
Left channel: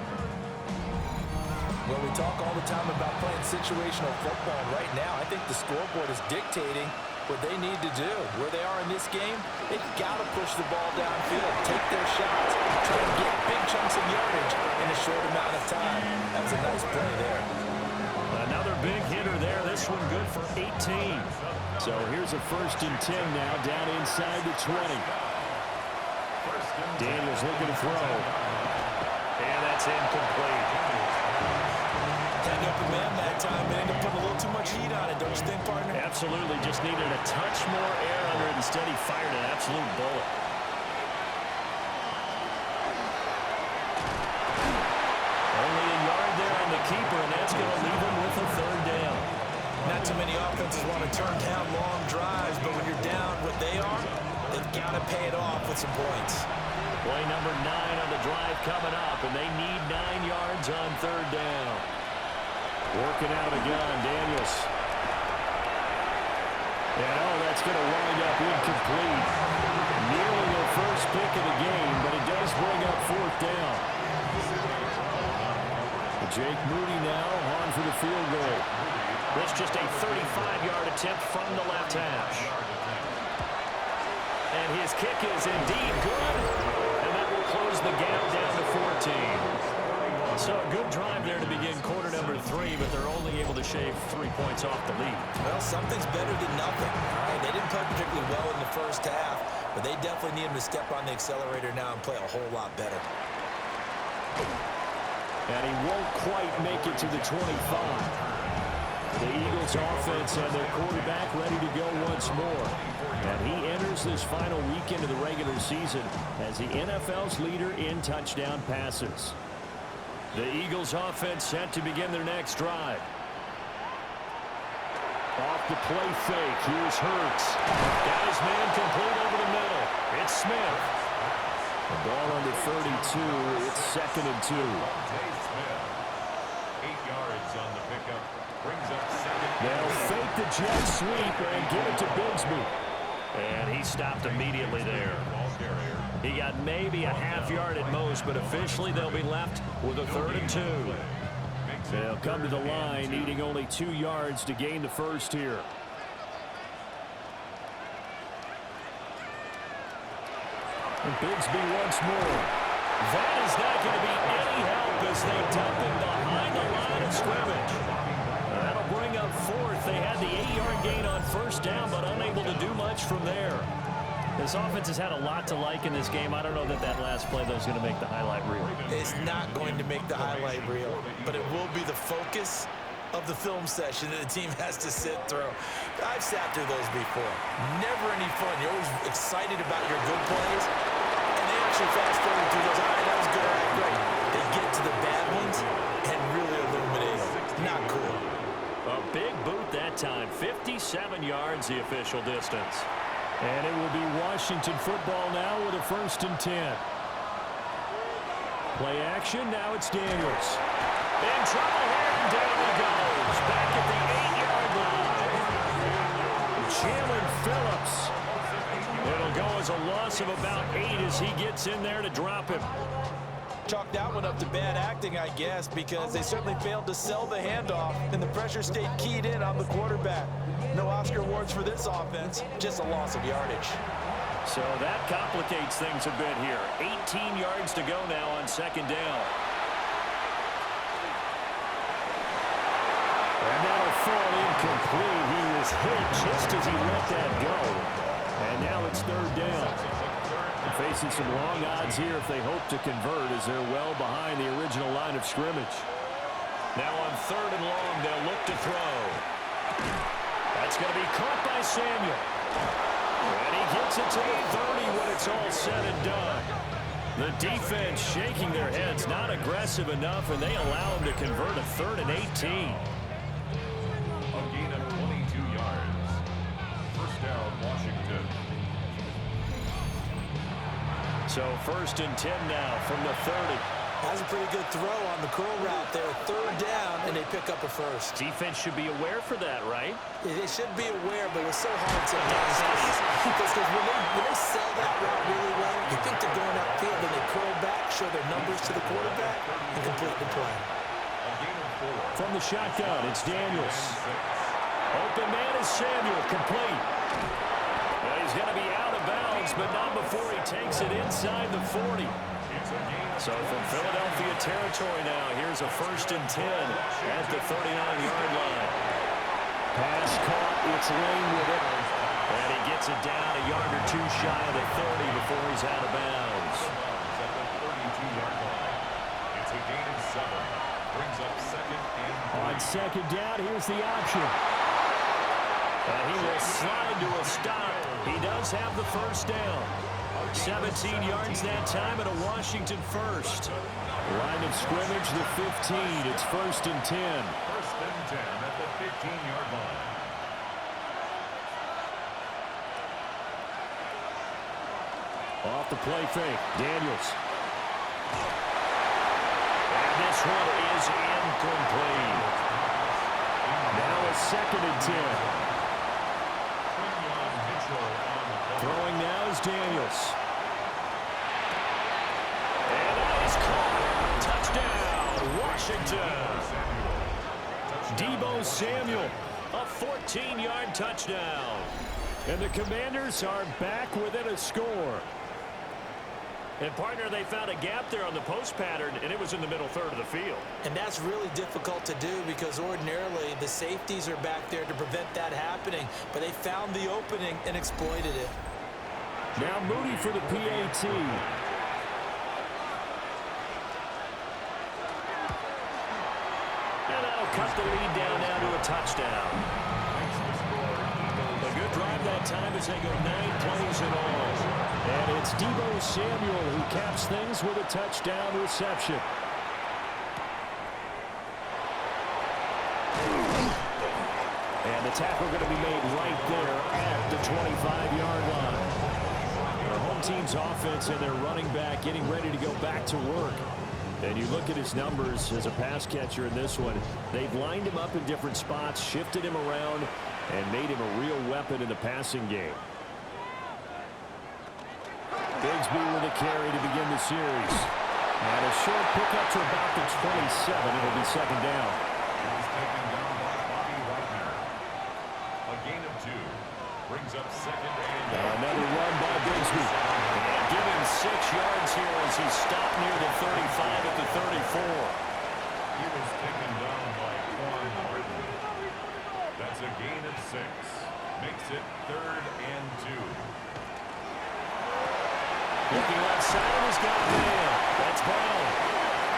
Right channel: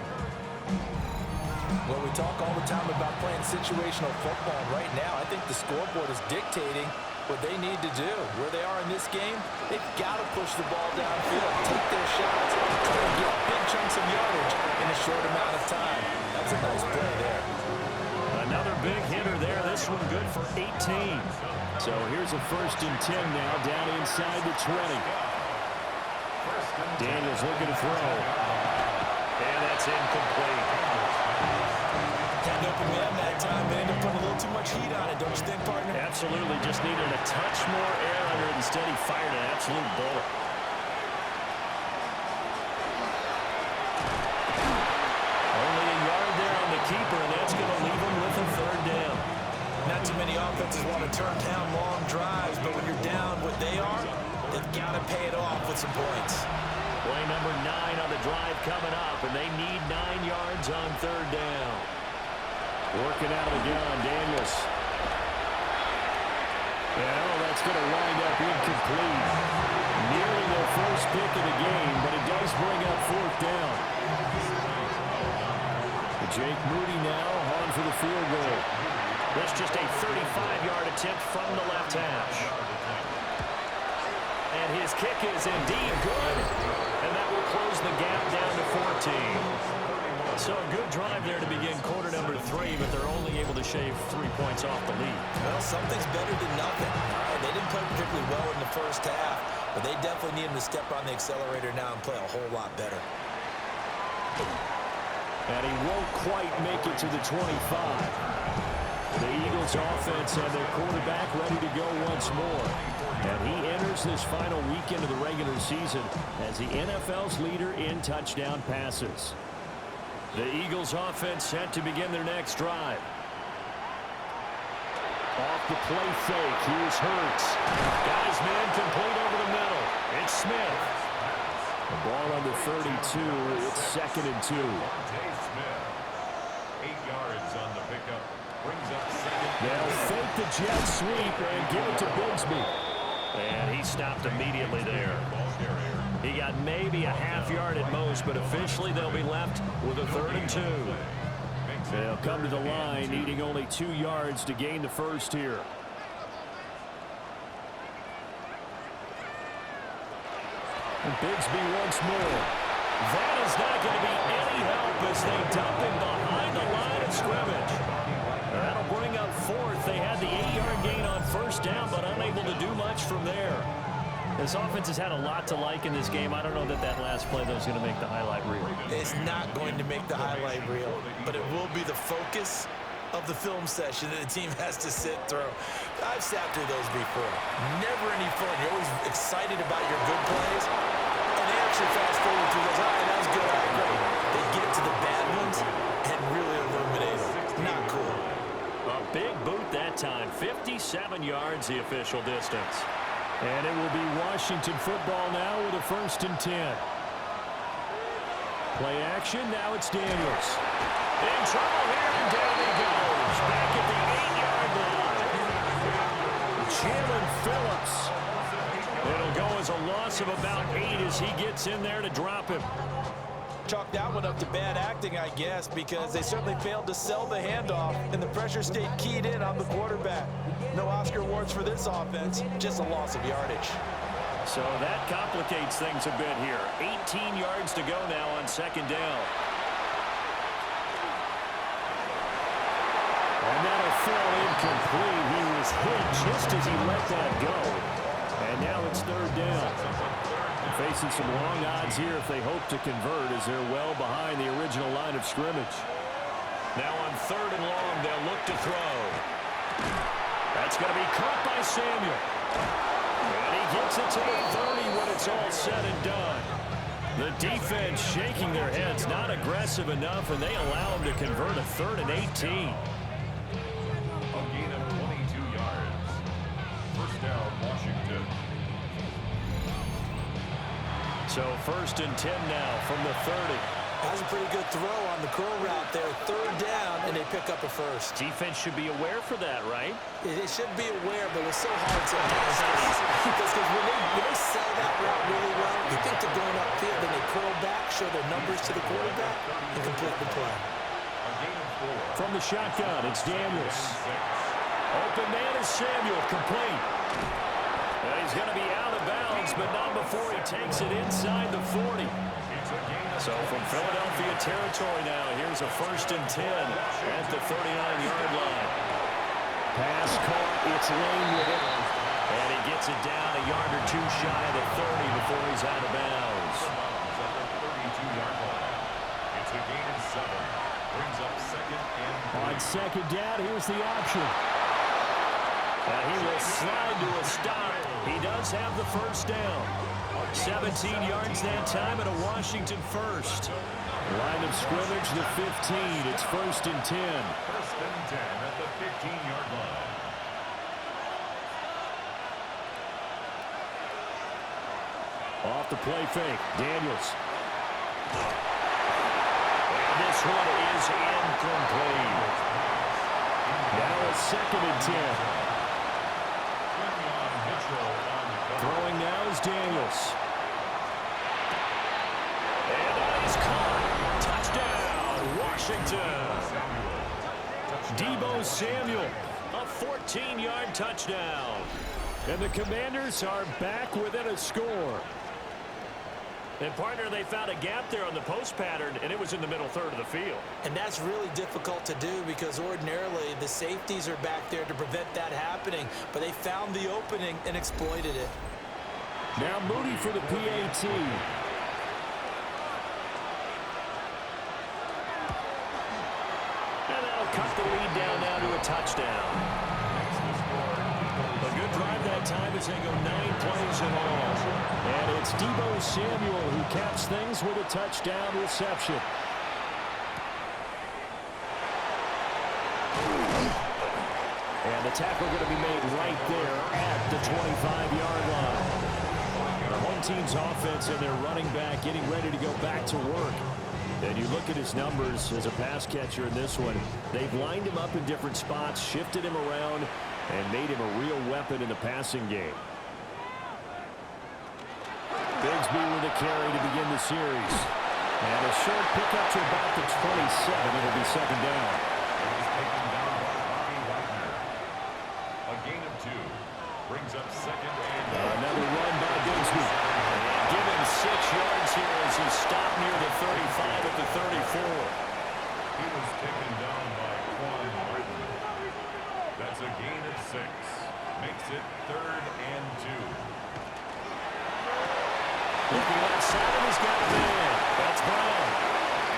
Well, we talk all the time about playing situational football. And right now, I think the scoreboard is dictating what they need to do. Where they are in this game, they've got to push the ball downfield, take their shots, try to get big chunks of yardage in a short amount of time. That was a nice play there. Another big hitter there. This one good for 18. So here's a 1st and 10 now down inside the 20. Daniels looking to throw. And that's incomplete. Had an open man that time, man. Ended up putting a little too much heat on it, don't you think, partner? Absolutely. Just needed a touch more air under it. Instead, he fired an absolute bullet. Only a yard there on the keeper, and that's going to leave him with a 3rd down. Not too many offenses want to turn down long drives, but when you're down what they are, they've got to pay it off with some points. Play number 9 on the drive coming up, and they need 9 yards on 3rd down. Working out of the gun, Daniels. And that's going to wind up incomplete. Nearly their first pick of the game, but it does bring up fourth down. Jake Moody now on for the field goal. That's just a 35-yard attempt from the left hash. And his kick is indeed good, and that will close the gap down to 14. So a good drive there to begin quarter number 3, but they're only able to shave 3 points off the lead. Well, something's better than nothing. All right, they didn't play particularly well in the first half, but they definitely need him to step on the accelerator now and play a whole lot better. And he won't quite make it to the 25. The Eagles offense and their quarterback ready to go once more. And he enters this final weekend of the regular season as the NFL's leader in touchdown passes. The Eagles offense set to begin their next drive. Off the play fake, here's Hurts. Got his man complete over the middle. It's Smith. The ball under 32. It's 2nd and 2. Smith. 8 yards on the pickup. Brings up second. They'll fake the jet sweep and give it to Bigsby. And he stopped immediately there. He got maybe a half yard at most, but officially they'll be left with a 3rd and 2. They'll come to the line, needing only 2 yards to gain the first here. And Bigsby once more. That is not going to be any help as they dump him behind the line of scrimmage. That'll bring up 4th. They had the 8-yard gain on 1st down, but unable to do much from there. This offense has had a lot to like in this game. I don't know that last play, though, is going to make the highlight reel. It's not going to make the highlight reel, but it will be the focus of the film session that the team has to sit through. I've sat through those before. Never any fun. You're always excited about your good plays, and they actually fast forward through those. All right, that was good. All right, great. They get to the bad ones and really illuminate them. Not cool. A big boot that time. 57 yards the official distance. And it will be Washington football now with a 1st and 10. Play action, now it's Daniels. In trouble here, and down he goes. Back at the 8-yard line. Jalen Phillips. It'll go as a loss of about 8 as he gets in there to drop him. Chalk that one up to bad acting, I guess, because they certainly failed to sell the handoff, and the pressure stayed keyed in on the quarterback. No Oscar awards for this offense, just a loss of yardage. So that complicates things a bit here. 18 yards to go now on 2nd down. And that'll fall incomplete. He was hit just as he let that go. And now it's 3rd down. Facing some long odds here if they hope to convert as they're well behind the original line of scrimmage. Now on 3rd and long, they'll look to throw. That's going to be caught by Samuel. And he gets it to the 30 when it's all said and done. The defense shaking their heads, not aggressive enough, and they allow him to convert a 3rd and 18. A gain of 22 yards. 1st down, Washington. So 1st and 10 now from the 30. Has a pretty good throw on the curl route there. 3rd down, and they pick up a 1st. Defense should be aware for that, right? They should be aware, but it's so hard sometimes. Because when they sell that route really well, you think they're going upfield, then they curl back, show their numbers to the quarterback, and complete the play. A gain of 4. From the shotgun, it's Daniels. Open man is Samuel, complete. And he's going to be out of bounds, but not before he takes it inside the 40. So from Philadelphia territory now, here's a 1st and 10 at the 39-yard line. Pass caught, it's Lane with it. And he gets it down a yard or 2 shy of the 30 before he's out of bounds. At the 32-yard line. It's a gain of 7. Brings up 2nd and 3. On 2nd down, here's the option. He will slide to a stop. He does have the 1st down. 17 yards that time and a Washington 1st. Line of scrimmage, the 15. It's 1st and 10. 1st and 10 at the 15-yard line. Off the play fake, Daniels. And this one is incomplete. Now it's 2nd and 10. goes Daniels. And that is caught. Touchdown, Washington. Deebo Samuel, a 14-yard touchdown. And the Commanders are back within a score. And, partner, they found a gap there on the post pattern, and it was in the middle third of the field. And that's really difficult to do because ordinarily the safeties are back there to prevent that happening. But they found the opening and exploited it. Now Moody for the PAT. And that'll cut the lead down now to a touchdown. A good drive that time as they go 9 plays in all. And it's Deebo Samuel who caps things with a touchdown reception. And the tackle going to be made right there at the 25-yard line. The home team's offense and their running back getting ready to go back to work. And you look at his numbers as a pass catcher in this one. They've lined him up in different spots, shifted him around, and made him a real weapon in the passing game. Bigsby with a carry to begin the series. And a short pickup to about the 27. It'll be second down. He was taken down by Bobby Wagner. A gain of 2. Brings up second and another run by Bigsby. And give him 6 yards here as he stopped near the 35 at the 34. He was taken down by Quan Martin. That's a gain of 6. Makes it third and 2. Looking left side, and he's got a man. That's Brown.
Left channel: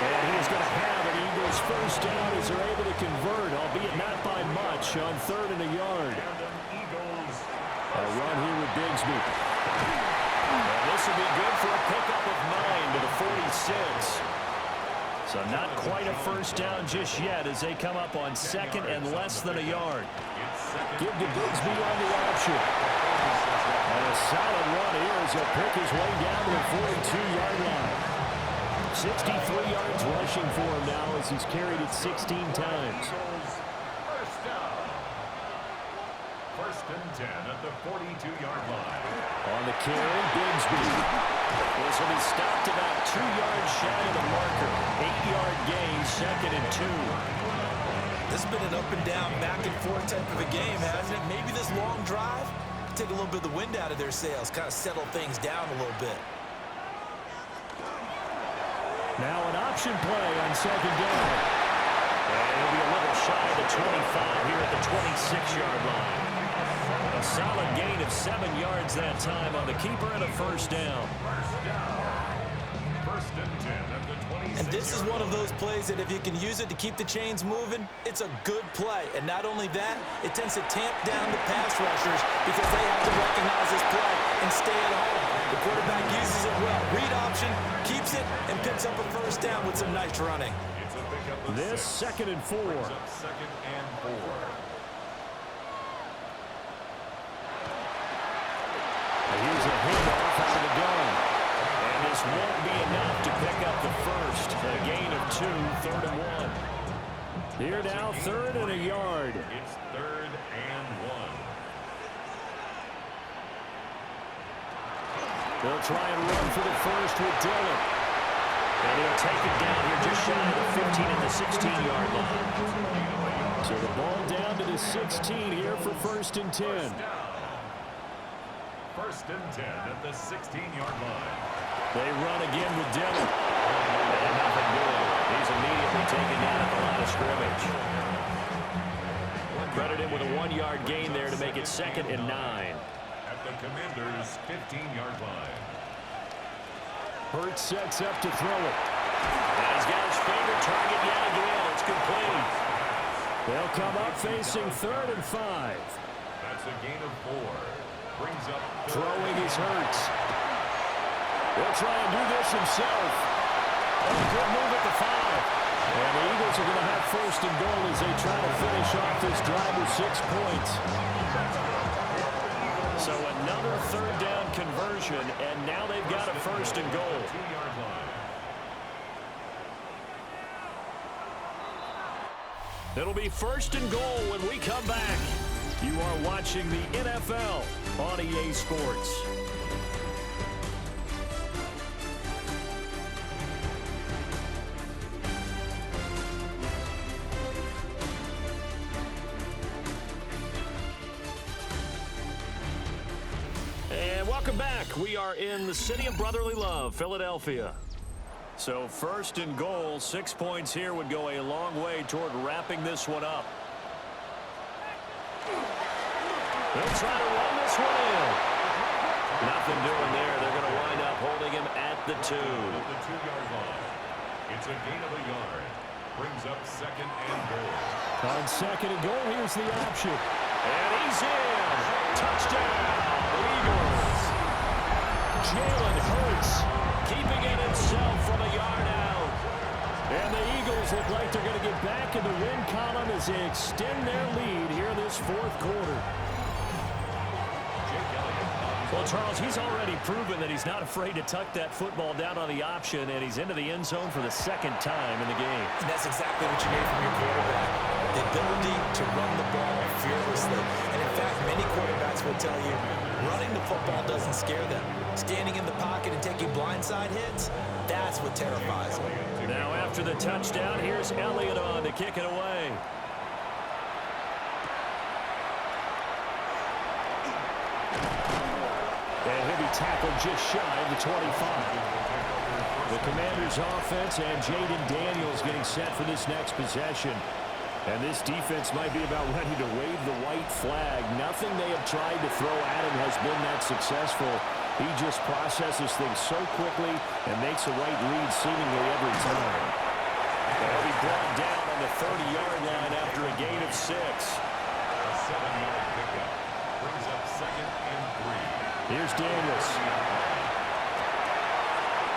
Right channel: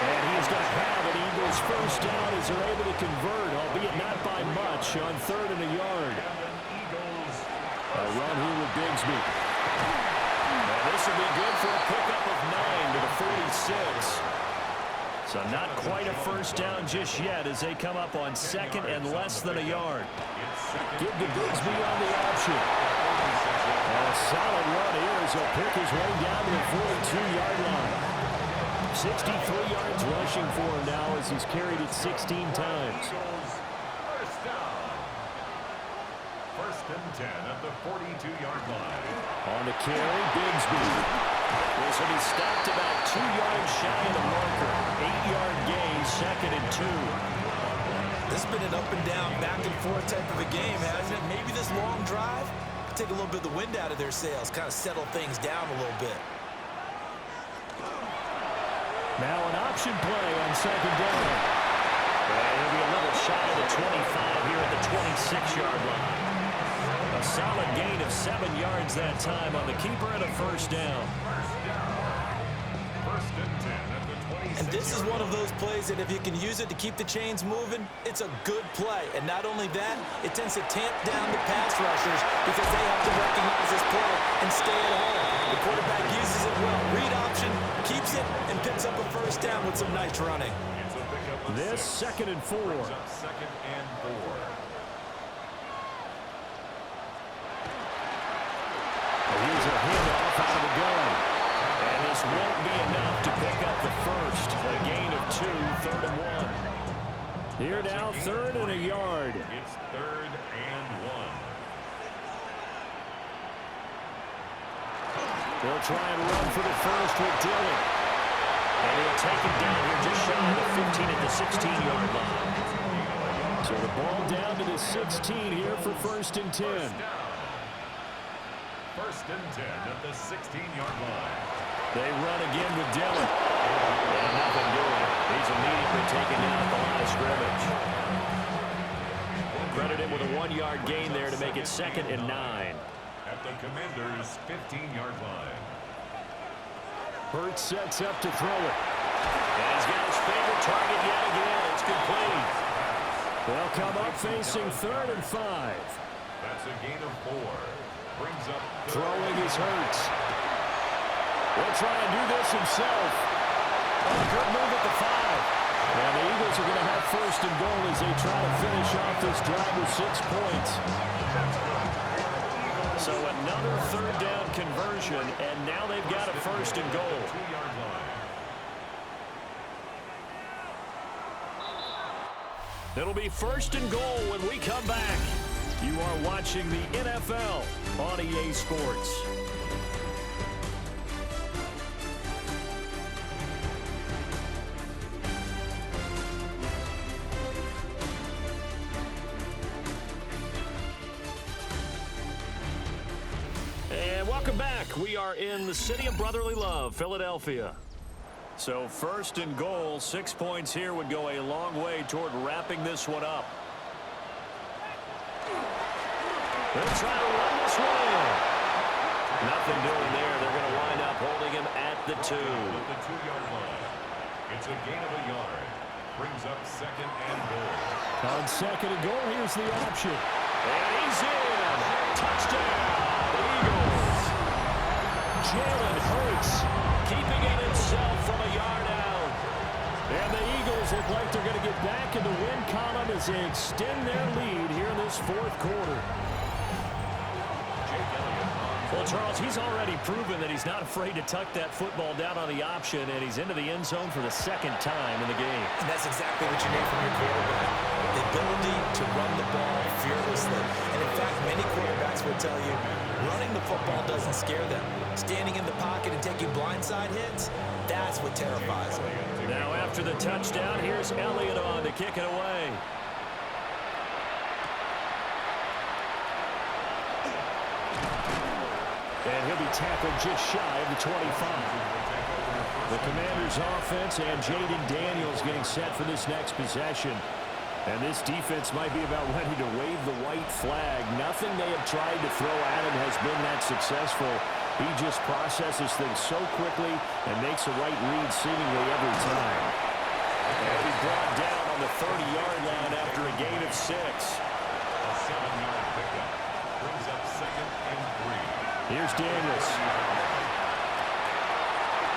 And he is going to have an Eagles first down as they're able to convert, albeit not by much, on 3rd and a yard. A run here with Bigsby. And this will be good for a pickup of 9 to the 46. So not quite a first down just yet as they come up on 2nd and less than a yard. Give to Bigsby on the option. And a solid run here as he'll pick his way down to the 42-yard line. 63 yards rushing for him now as he's carried it 16 times. First down. 1st and 10 at the 42-yard line. On the carry, Bigsby. This will be stopped about 2 yards shy of the marker. 8-yard gain, 2nd and 2. This has been an up and down, back and forth type of a game, hasn't it? Maybe this long drive take a little bit of the wind out of their sails, kind of settle things down a little bit. Now an option play on 2nd down. And it'll be a little shy of the 25 here at the 26-yard line. A solid gain of 7 yards that time on the keeper and a first down. 1st and 10 at the 26. And this is one of those plays that if you can use it to keep the chains moving, it's a good play. And not only that, it tends to tamp down the pass rushers because they have to recognize this play and stay at home. The quarterback uses it well. Read option, keeps it, and picks up a first down with some nice running. It's a pickup of This 6. 2nd and 4. Brings up 2nd and 4. Here's a handoff out of the gun. And this won't be enough to pick up the first. A gain of 2, 3rd and 1. Here now, 3rd and a yard. It's 3rd and 1. They'll try and run for the first with Dillon. And he'll take it down here just shy of the 15 at the 16-yard line. So the ball down to the 16 here for 1st and 10. 1st and 10 at the 16-yard line. They run again with Dillon. And nothing doing. He's immediately taken down at the line of scrimmage. Credit him with a 1-yard gain there to make it 2nd and 9. At the Commanders' 15-yard line. Hurts sets up to throw it. And he's got his favorite target yet again. It's complete. They'll come up facing 3rd and 5. That's a gain of 4. Brings up Throwing is Hurts. He'll try and do this himself. Oh, good move at the 5. And the Eagles are going to have 1st and goal as they try to finish off this drive with 6 points. So another 3rd down conversion, and now they've got a 1st and goal. 2-yard line. It'll be 1st and goal when we come back. You are watching the NFL on EA Sports. welcome back. We are in the city of brotherly love, Philadelphia. So first and goal, 6 points here would go a long way toward wrapping this one up. They'll try to run this one in. Nothing doing there. They're going to wind up holding him at the 2. At the 2-yard line. It's a gain of a yard. Brings up second and goal. On second and goal, here's the option. And he's in. Touchdown, Eagles. Jalen Hurts keeping it himself from a yard out. And the Eagles look like they're going to get back in the win column as they extend their lead here in this fourth quarter. Well, Charles, he's already proven that he's not afraid to tuck that football down on the option, and he's into the end zone for the second time in the game. And that's exactly what you need from your quarterback. The ability to run the ball fearlessly. And in fact, many quarterbacks will tell you running the football doesn't scare them. Standing in the pocket and taking blindside hits, that's what terrifies them. Now after the touchdown, here's Elliott on to kick it away. And he'll be tackled just shy of the 25. The Commanders' offense and Jaden Daniels getting set for this next possession. And this defense might be about ready to wave the white flag. Nothing they have tried to throw at him has been that successful. He just processes things so quickly and makes the right read seemingly every time. And he'll be brought down on the 30-yard line after a gain of 6. A 7-yard pickup. Brings up second and 3. Here's Daniels.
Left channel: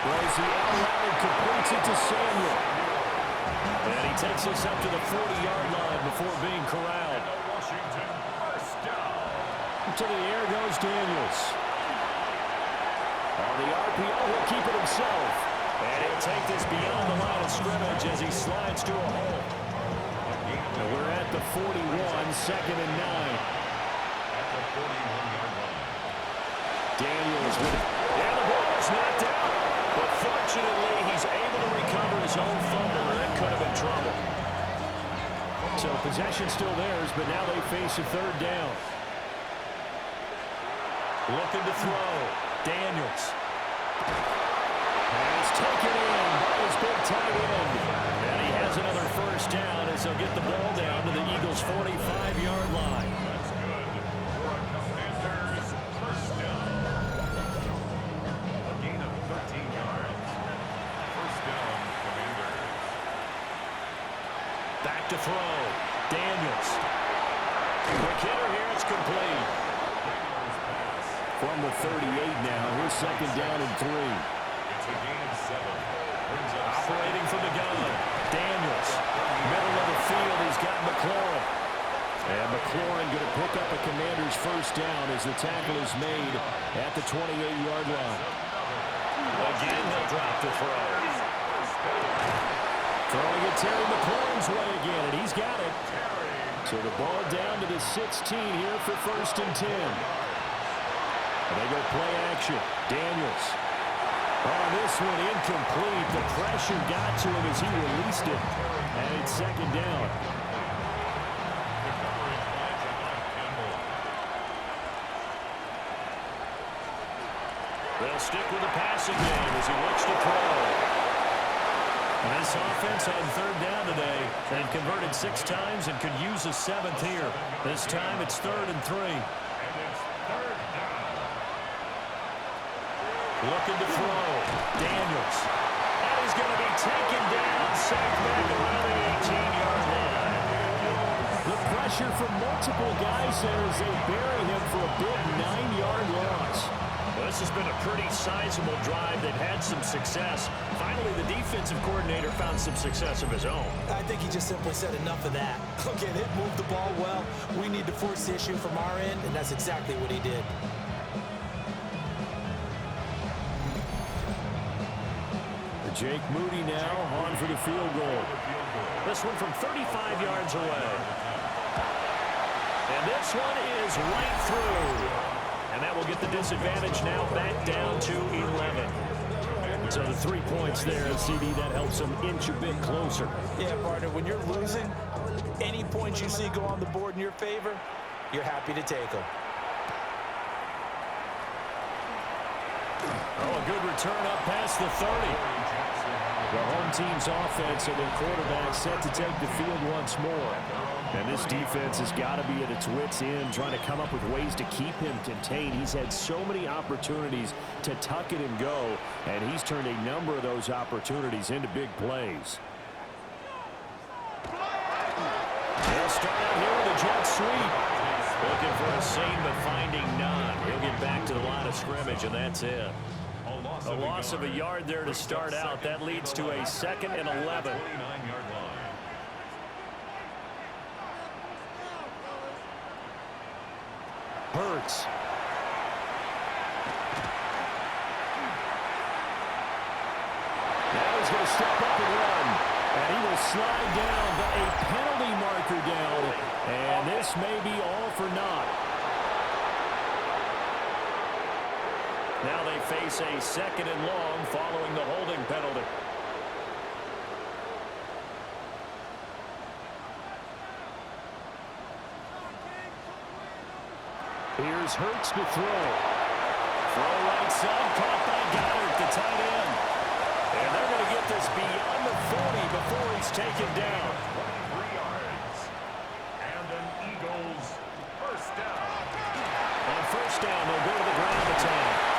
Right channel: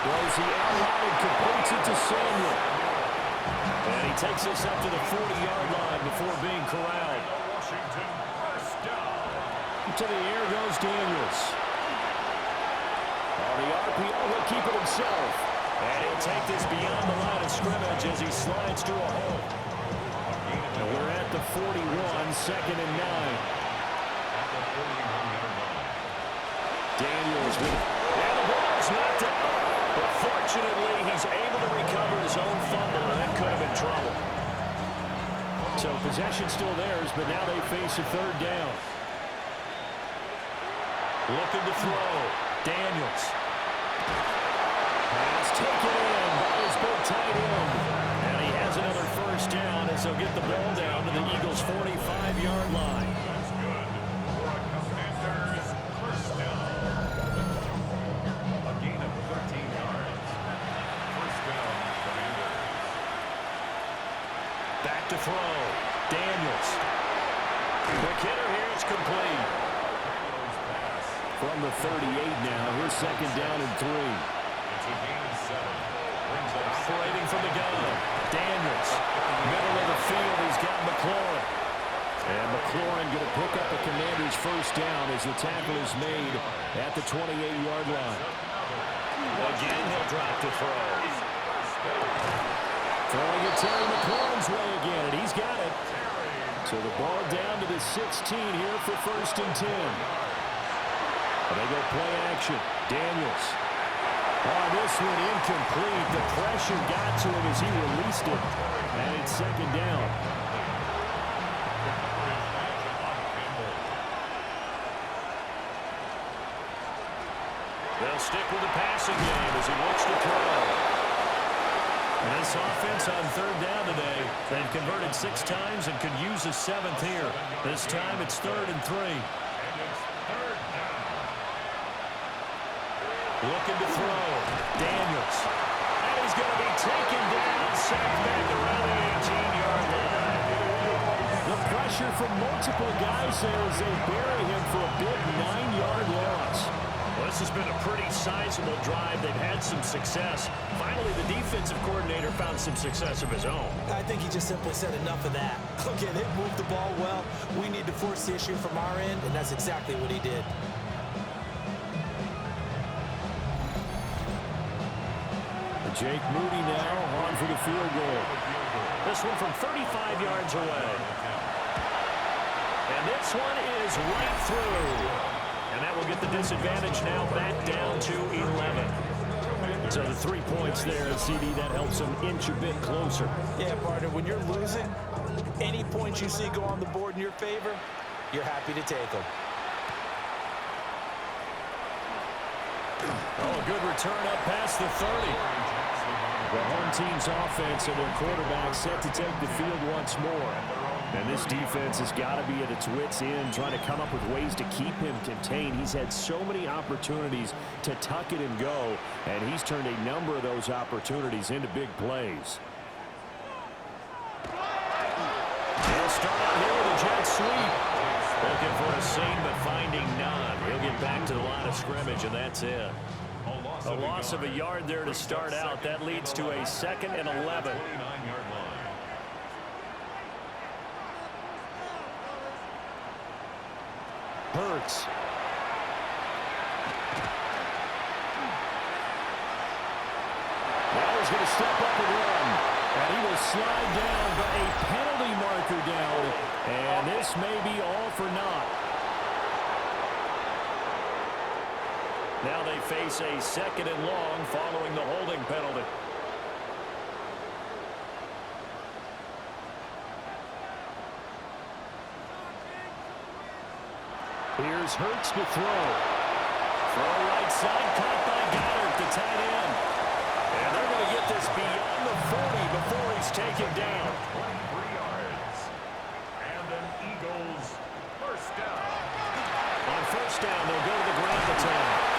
Throws the out route and completes it to Samuel. And he takes this up to the 40-yard line before being corralled. Washington first down. To the air goes Daniels. On the RPO, he'll keep it himself. And he'll take this beyond the line of scrimmage as he slides to a hole. And we're at the 41, second and 9. At the 41-yard line. Daniels with it. And the ball is knocked out. But fortunately, he's able to recover his own fumble, and that could have been trouble. So possession still theirs, but now they face a third down. Looking to throw. Daniels. Pass taken in by his big tight end. And he has another first down as he'll get the ball down to the Eagles' 45-yard line. That's good for a Commanders first down. A gain of 13 yards. First down, Commanders. Back to throw. Daniels. Quick hitter here. It's complete. Daniels pass. From the 38 now, here's second down and 3. It's a gain of 7. Brings up Operating from the gun. Daniels. Middle of the field. He's got McLaurin. And McLaurin going to pick up a Commander's first down as the tackle is made at the 28-yard line. Again, he'll drop to throw. Throwing it Terry McLaurin's way again, and he's got it. So the ball down to the 16 here for first and 10. And they go play action. Daniels. On this one, incomplete. The pressure got to him as he released it. And it's second down. Good coverage by Javon Campbell. They'll stick with the passing game as he looks to throw. And this offense on third down today, they've converted 6 times and could use a 7th here. This time it's 3rd and 3. And it's third down. Looking to throw. Daniels. And he's going to be taken down, sacked back around the 18-yard line. The pressure from multiple guys there as they bury him for a big 9-yard loss. Well, this has been a pretty sizable drive. They've had some success. Finally, the defensive coordinator found some success of his own. I think he just simply said enough of that. Okay, they moved the ball well. We need to force the issue from our end, and that's exactly what he did. Jake Moody now on for the field goal. This one from 35 yards away. And this one is right through. And that will get the disadvantage now back down to 11. So the 3 points there, CD, that helps them inch a bit closer. Yeah, partner, when you're losing, any points you see go on the board in your favor, you're happy to take them. Oh, a good return up past the 30. The home team's offense and their quarterback set to take the field once more. And this defense has got to be at its wits' end, trying to come up with ways to keep him contained. He's had so many opportunities to tuck it and go, and he's turned a number of those opportunities into big plays. They'll start out here with a jet sweep. Looking for a seam, but finding none. He'll get back to the line of scrimmage, and that's it. A loss of a yard there to start out. That leads to a 2nd and 11. 29-yard line. Hurts. Now he's going to step up and run. And he will slide down, but a penalty marker down. And this may be all for naught. Now they face a 2nd and long following the holding penalty. Here's Hurts to throw. Throw right side, caught by Goddard, the tight end. And they're going to get this beyond the 40 before he's taken down. 23 yards. And an Eagles first down. On first down, they'll go to the ground attack.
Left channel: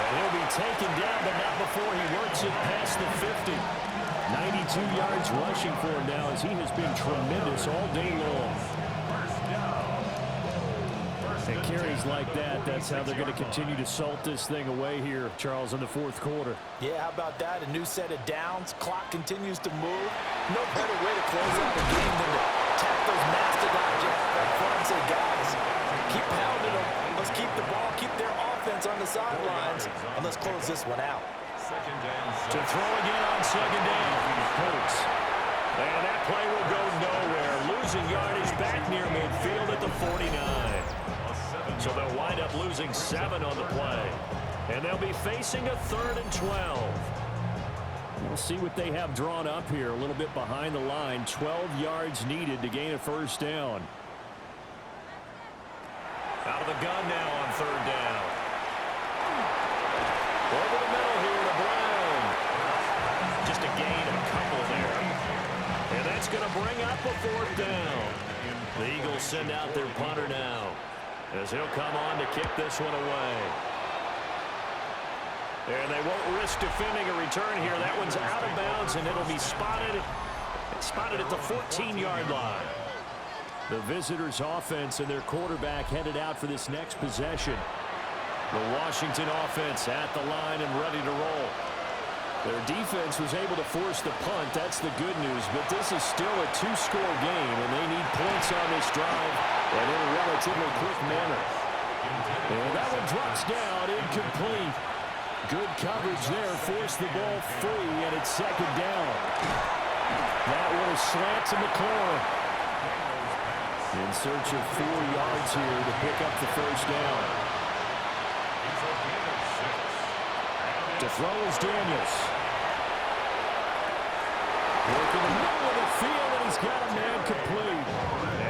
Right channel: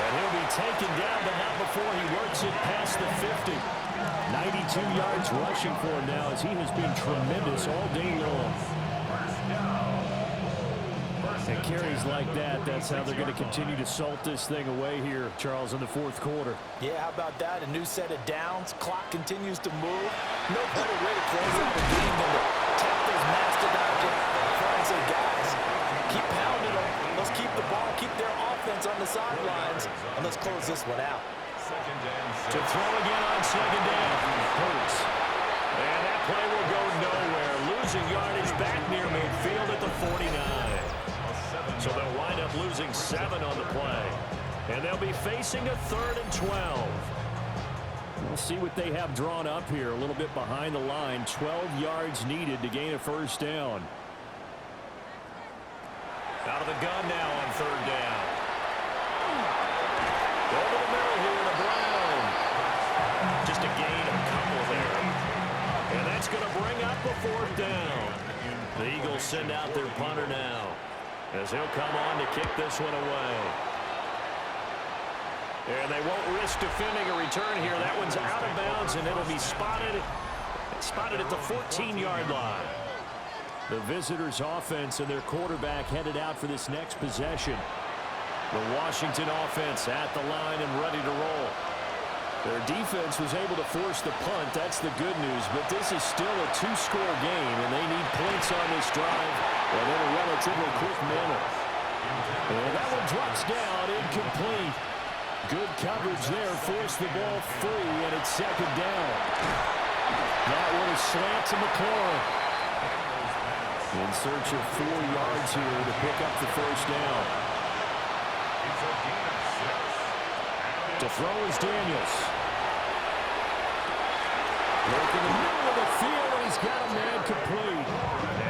And he'll be taken down, but not before he works it past the 50. 92 yards rushing for him now, as he has been tremendous all day long. First down. And carries like that, that's how they're going to continue to salt this thing away here, Charles, in the fourth quarter. Yeah, how about that? A new set of downs. Clock continues to move. No better way to close out a game than to tap those mastodons you have up front and say, guys, keep pounding them. Let's keep the ball, keep their offense on the sidelines, and let's close this one out. Second and To throw again on 2nd down. Hurts. And that play will go nowhere. Losing yardage back near midfield at the 49. So they'll wind up losing 7 on the play. And they'll be facing a 3rd and 12. We'll see what they have drawn up here. A little bit behind the line. 12 yards needed to gain a first down. Out of the gun now on 3rd down. Over the middle here to Brown. Just a gain of a couple there. And that's going to bring up a 4th down. The Eagles send out their punter now, as he'll come on to kick this one away. And they won't risk defending a return here. That one's out of bounds, and it'll be spotted at the 14-yard line. The visitors' offense and their quarterback headed out for this next possession. The Washington offense at the line and ready to roll. Their defense was able to force the punt. That's the good news. But this is still a 2-score game, and they need points on this drive and in a relatively quick manner. And that one drops down, incomplete. Good coverage there, forced the ball free, and it's 2nd down. That one is slant to McLaurin. In search of 4 yards here to pick up the first down. It's a gain of 6. To throw is Daniels. Working the middle of the field, and he's got a man complete.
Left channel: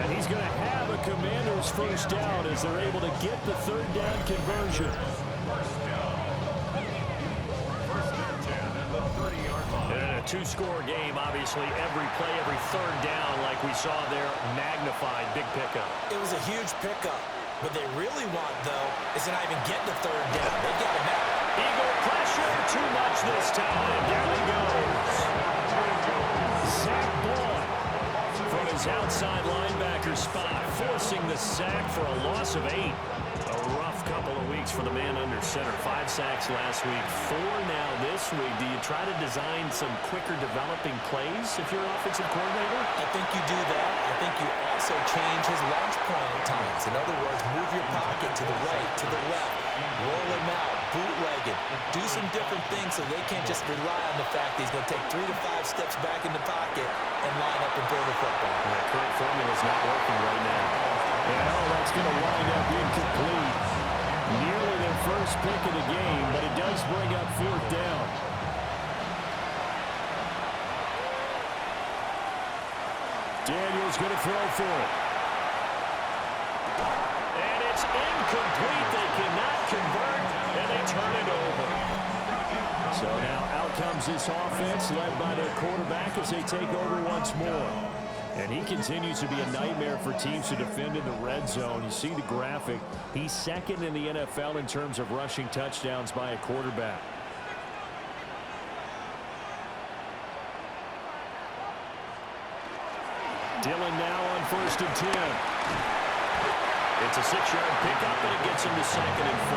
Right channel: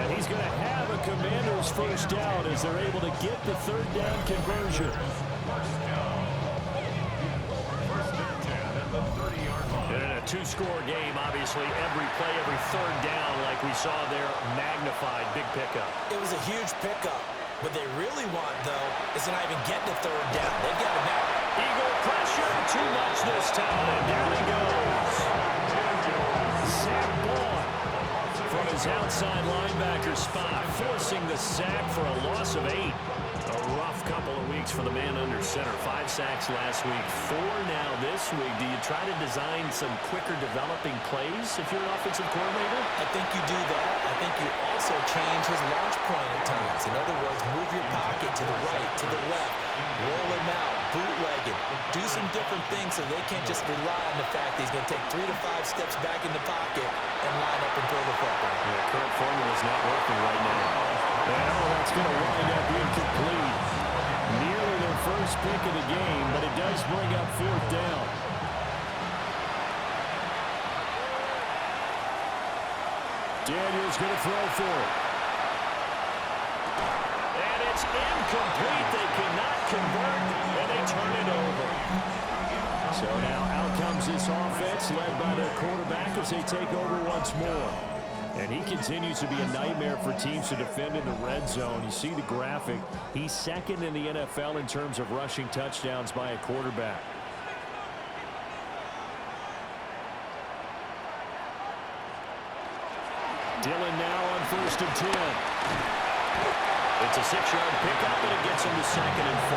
And he's going to have a Commander's first down as they're able to get the 3rd down conversion. First down. 1st and 10 at the 30-yard line. And in a 2-score game, obviously, every play, every 3rd down, like we saw there, magnified. Big pickup. It was a huge pickup. What they really want, though, is to not even get to 3rd down. They've got it now. Eagle pressure, too much this time. Down he goes. Zach Boyd from his outside linebacker spot, forcing the sack for a loss of 8. A rough couple of weeks for the man under center. 5 sacks last week, 4 now this week. Do you try to design some quicker developing plays if you're an offensive coordinator? I think you do that. I think you also change his launch point at times. In other words, move your pocket to the right, to the left, roll him out, bootleg it, do some different things so they can't just rely on the fact that he's going to take 3 to 5 steps back in the pocket and line up and throw the football. Yeah, current formula is not working right now. And that's going to wind up incomplete. Nearly their first pick of the game, but it does bring up 4th down. Daniels going to throw for it. And it's It's incomplete. They cannot convert, and they turn it over. So now out comes this offense led by their quarterback as they take over once more. And he continues to be a nightmare for teams to defend in the red zone. You see the graphic. He's second in the NFL in terms of rushing touchdowns by a quarterback. Dillon now on 1st and 10. It's a 6-yard pickup, and it gets him to 2nd and 4.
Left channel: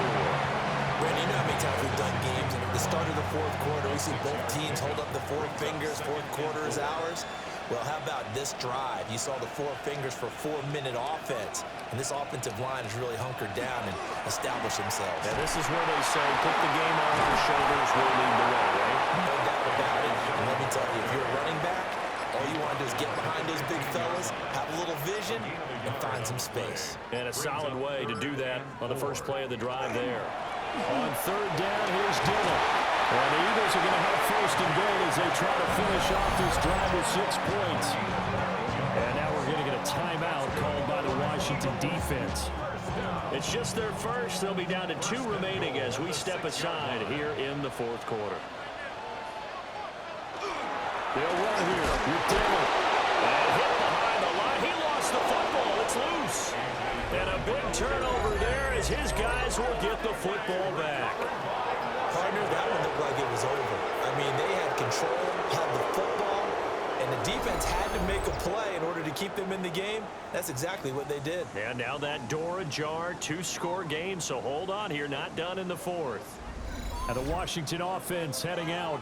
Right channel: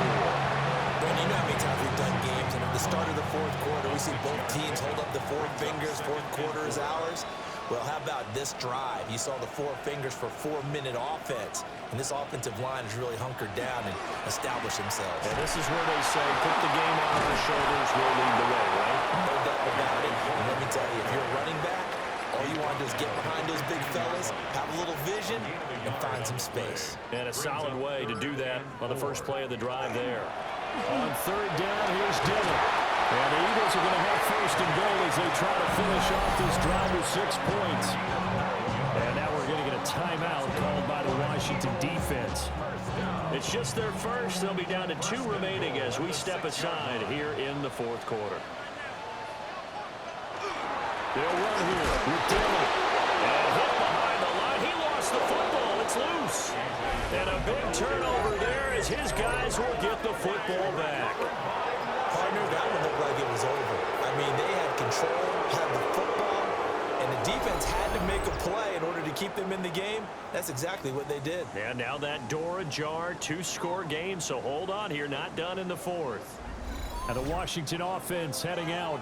Brandon, you know how many times we've done games, and at the start of the fourth quarter, we see both teams hold up the four fingers, fourth quarter is ours. Well, how about this drive? You saw the four fingers for 4-minute offense, and this offensive line has really hunkered down and established themselves. Yeah, this is where they say, put the game on our shoulders, we'll lead the way, right? No doubt about it. And let me tell you, if you're a running back, all you want to do is get behind those big fellas, have a little vision, and find some space. And a solid way to do that on the first play of the drive there. On 3rd down, here's Dillon. And the Eagles are going to have 1st and goal as they try to finish off this drive with 6 points. And now we're going to get a timeout called by the Washington defense. It's just their first. They'll be down to 2 remaining as we step aside here in the 4th quarter. They'll run here with Dillon. And hit behind the line. He lost the football. It's loose. And a big turnover there as his guys will get the football back. Partner, that one looked like it was over. I mean, they had control, had the football, and the defense had to make a play in order to keep them in the game. That's exactly what they did. And now that door ajar, 2-score game, so hold on here, not done in the 4th. And the Washington offense heading out.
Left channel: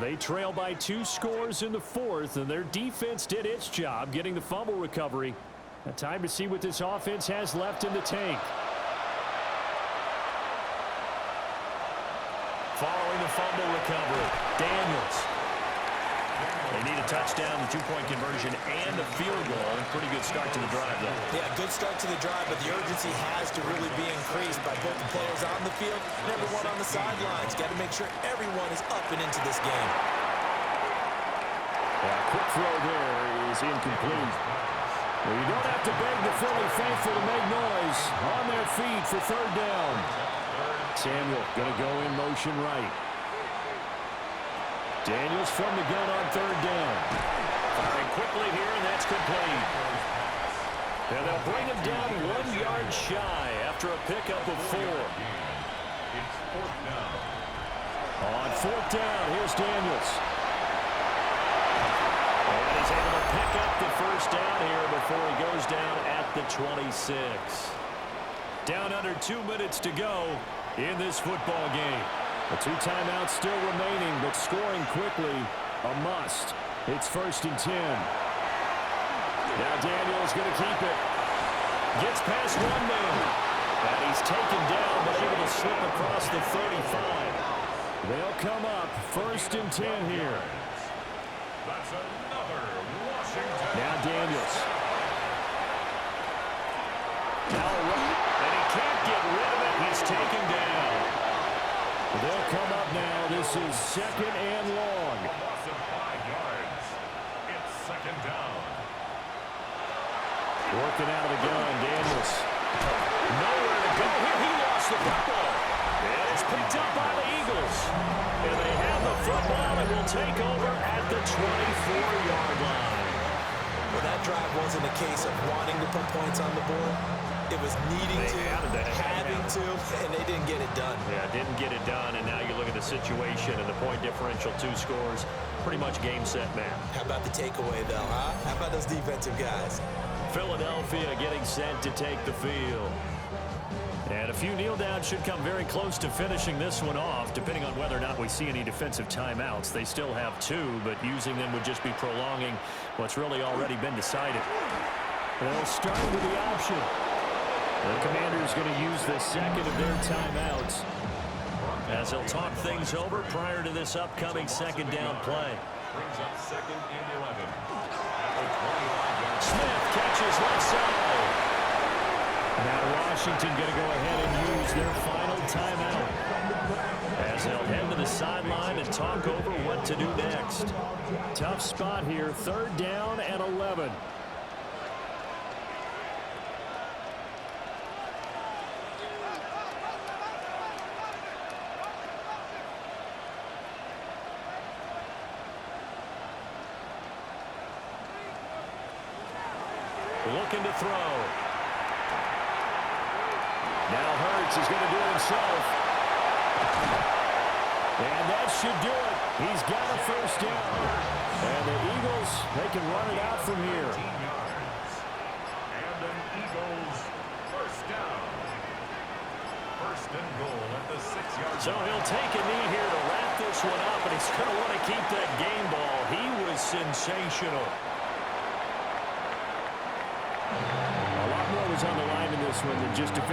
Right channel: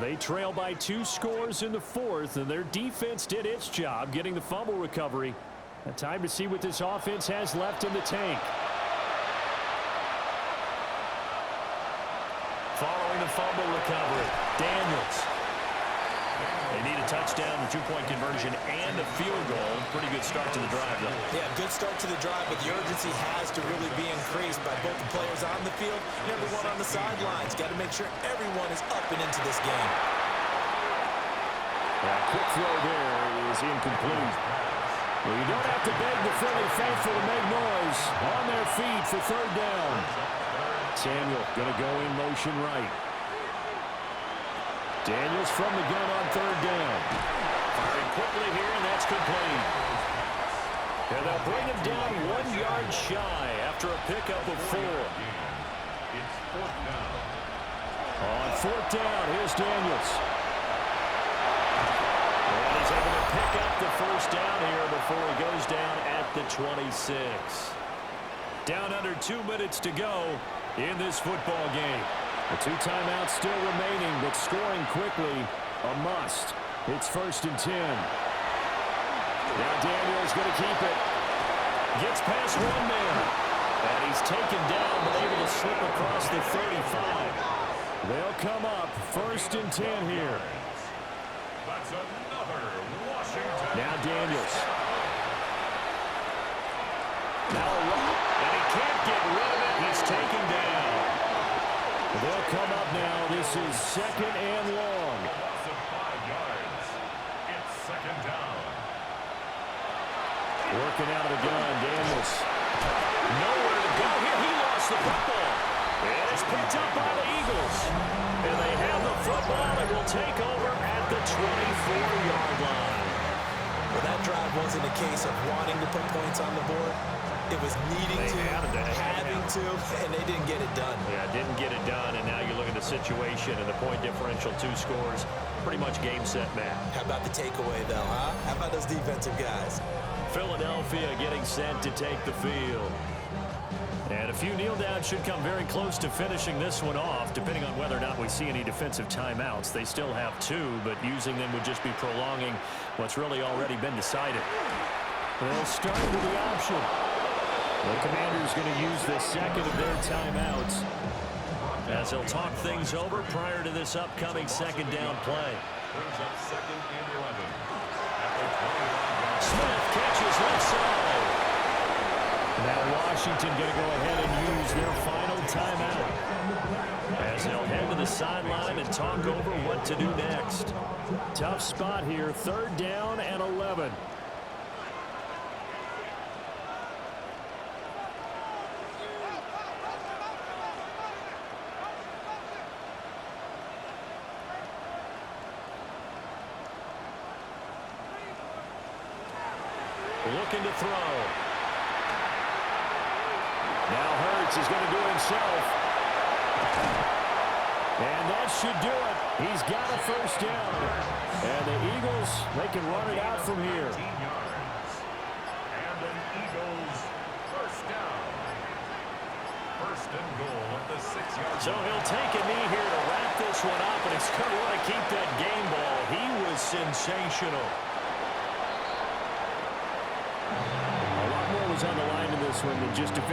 They trail by 2 scores in the 4th, and their defense did its job getting the fumble recovery. Now time to see what this offense has left in the tank. Following the fumble recovery, Daniels. They need a touchdown, the 2-point conversion, and a field goal. Pretty good start to the drive, though. Yeah, good start to the drive, but the urgency has to really be increased by both the players on the field and everyone on the sidelines. Got to make sure everyone is up and into this game. Quick throw there is incomplete. Well, you don't have to beg the Philly faithful to make noise. On their feet for 3rd down. Samuel going to go in motion right. Daniels from the gun on 3rd down. Firing quickly here, and that's complete. And they'll bring him down 1 yard shy after a pickup of 4. It's 4th down. On 4th down, here's Daniels. And he's able to pick up the 1st down here before he goes down at the 26. Down under 2 minutes to go in this football game. The 2 timeouts still remaining, but scoring quickly, a must. It's 1st and 10. Now Daniels going to keep it. Gets past 1 man. And he's taken down, but able to slip across the 35. They'll come up 1st and 10 here. That's another Washington. Now Daniels. Now a run, and he can't get rid of it. He's taken down. They'll come up now. This is 2nd and long. A loss of 5 yards. It's 2nd down. Working out of the gun, Daniels. Nowhere to go here. He lost the football. And it's picked up by the Eagles. And they have the football and will take over at the 24-yard line. Well, that drive wasn't a case of wanting to put points on the board. It was needing to, having to, and they didn't get it done. Yeah, didn't get it done, and now you look at the situation and the point differential, 2 scores, pretty much game, set, match. How about the takeaway, though, huh? How about those defensive guys? Philadelphia getting set to take the field. And a few kneel downs should come very close to finishing this one off, depending on whether or not we see any defensive timeouts. They still have 2, but using them would just be prolonging what's really already been decided. They'll start with the option. The Commanders going to use the 2nd of their timeouts as they'll talk things over prior to this upcoming 2nd down play. Brings up 2nd and 11. At the 29-yard. Smith catches left side. Now Washington going to go ahead and use their final timeout as they'll head to the sideline and talk over what to do next. Tough spot here, 3rd down and 11. looking to throw. Now Hurts is going to do it himself. And that should do it. He's got a first down. And the Eagles, they can run it out from here. 19 yards. And an Eagles first down. First and goal at the 6-yard line. So he'll take a knee here to wrap this one up, and he's going to want to keep that game ball. He was sensational. A lot more was on the line in this one than just defending.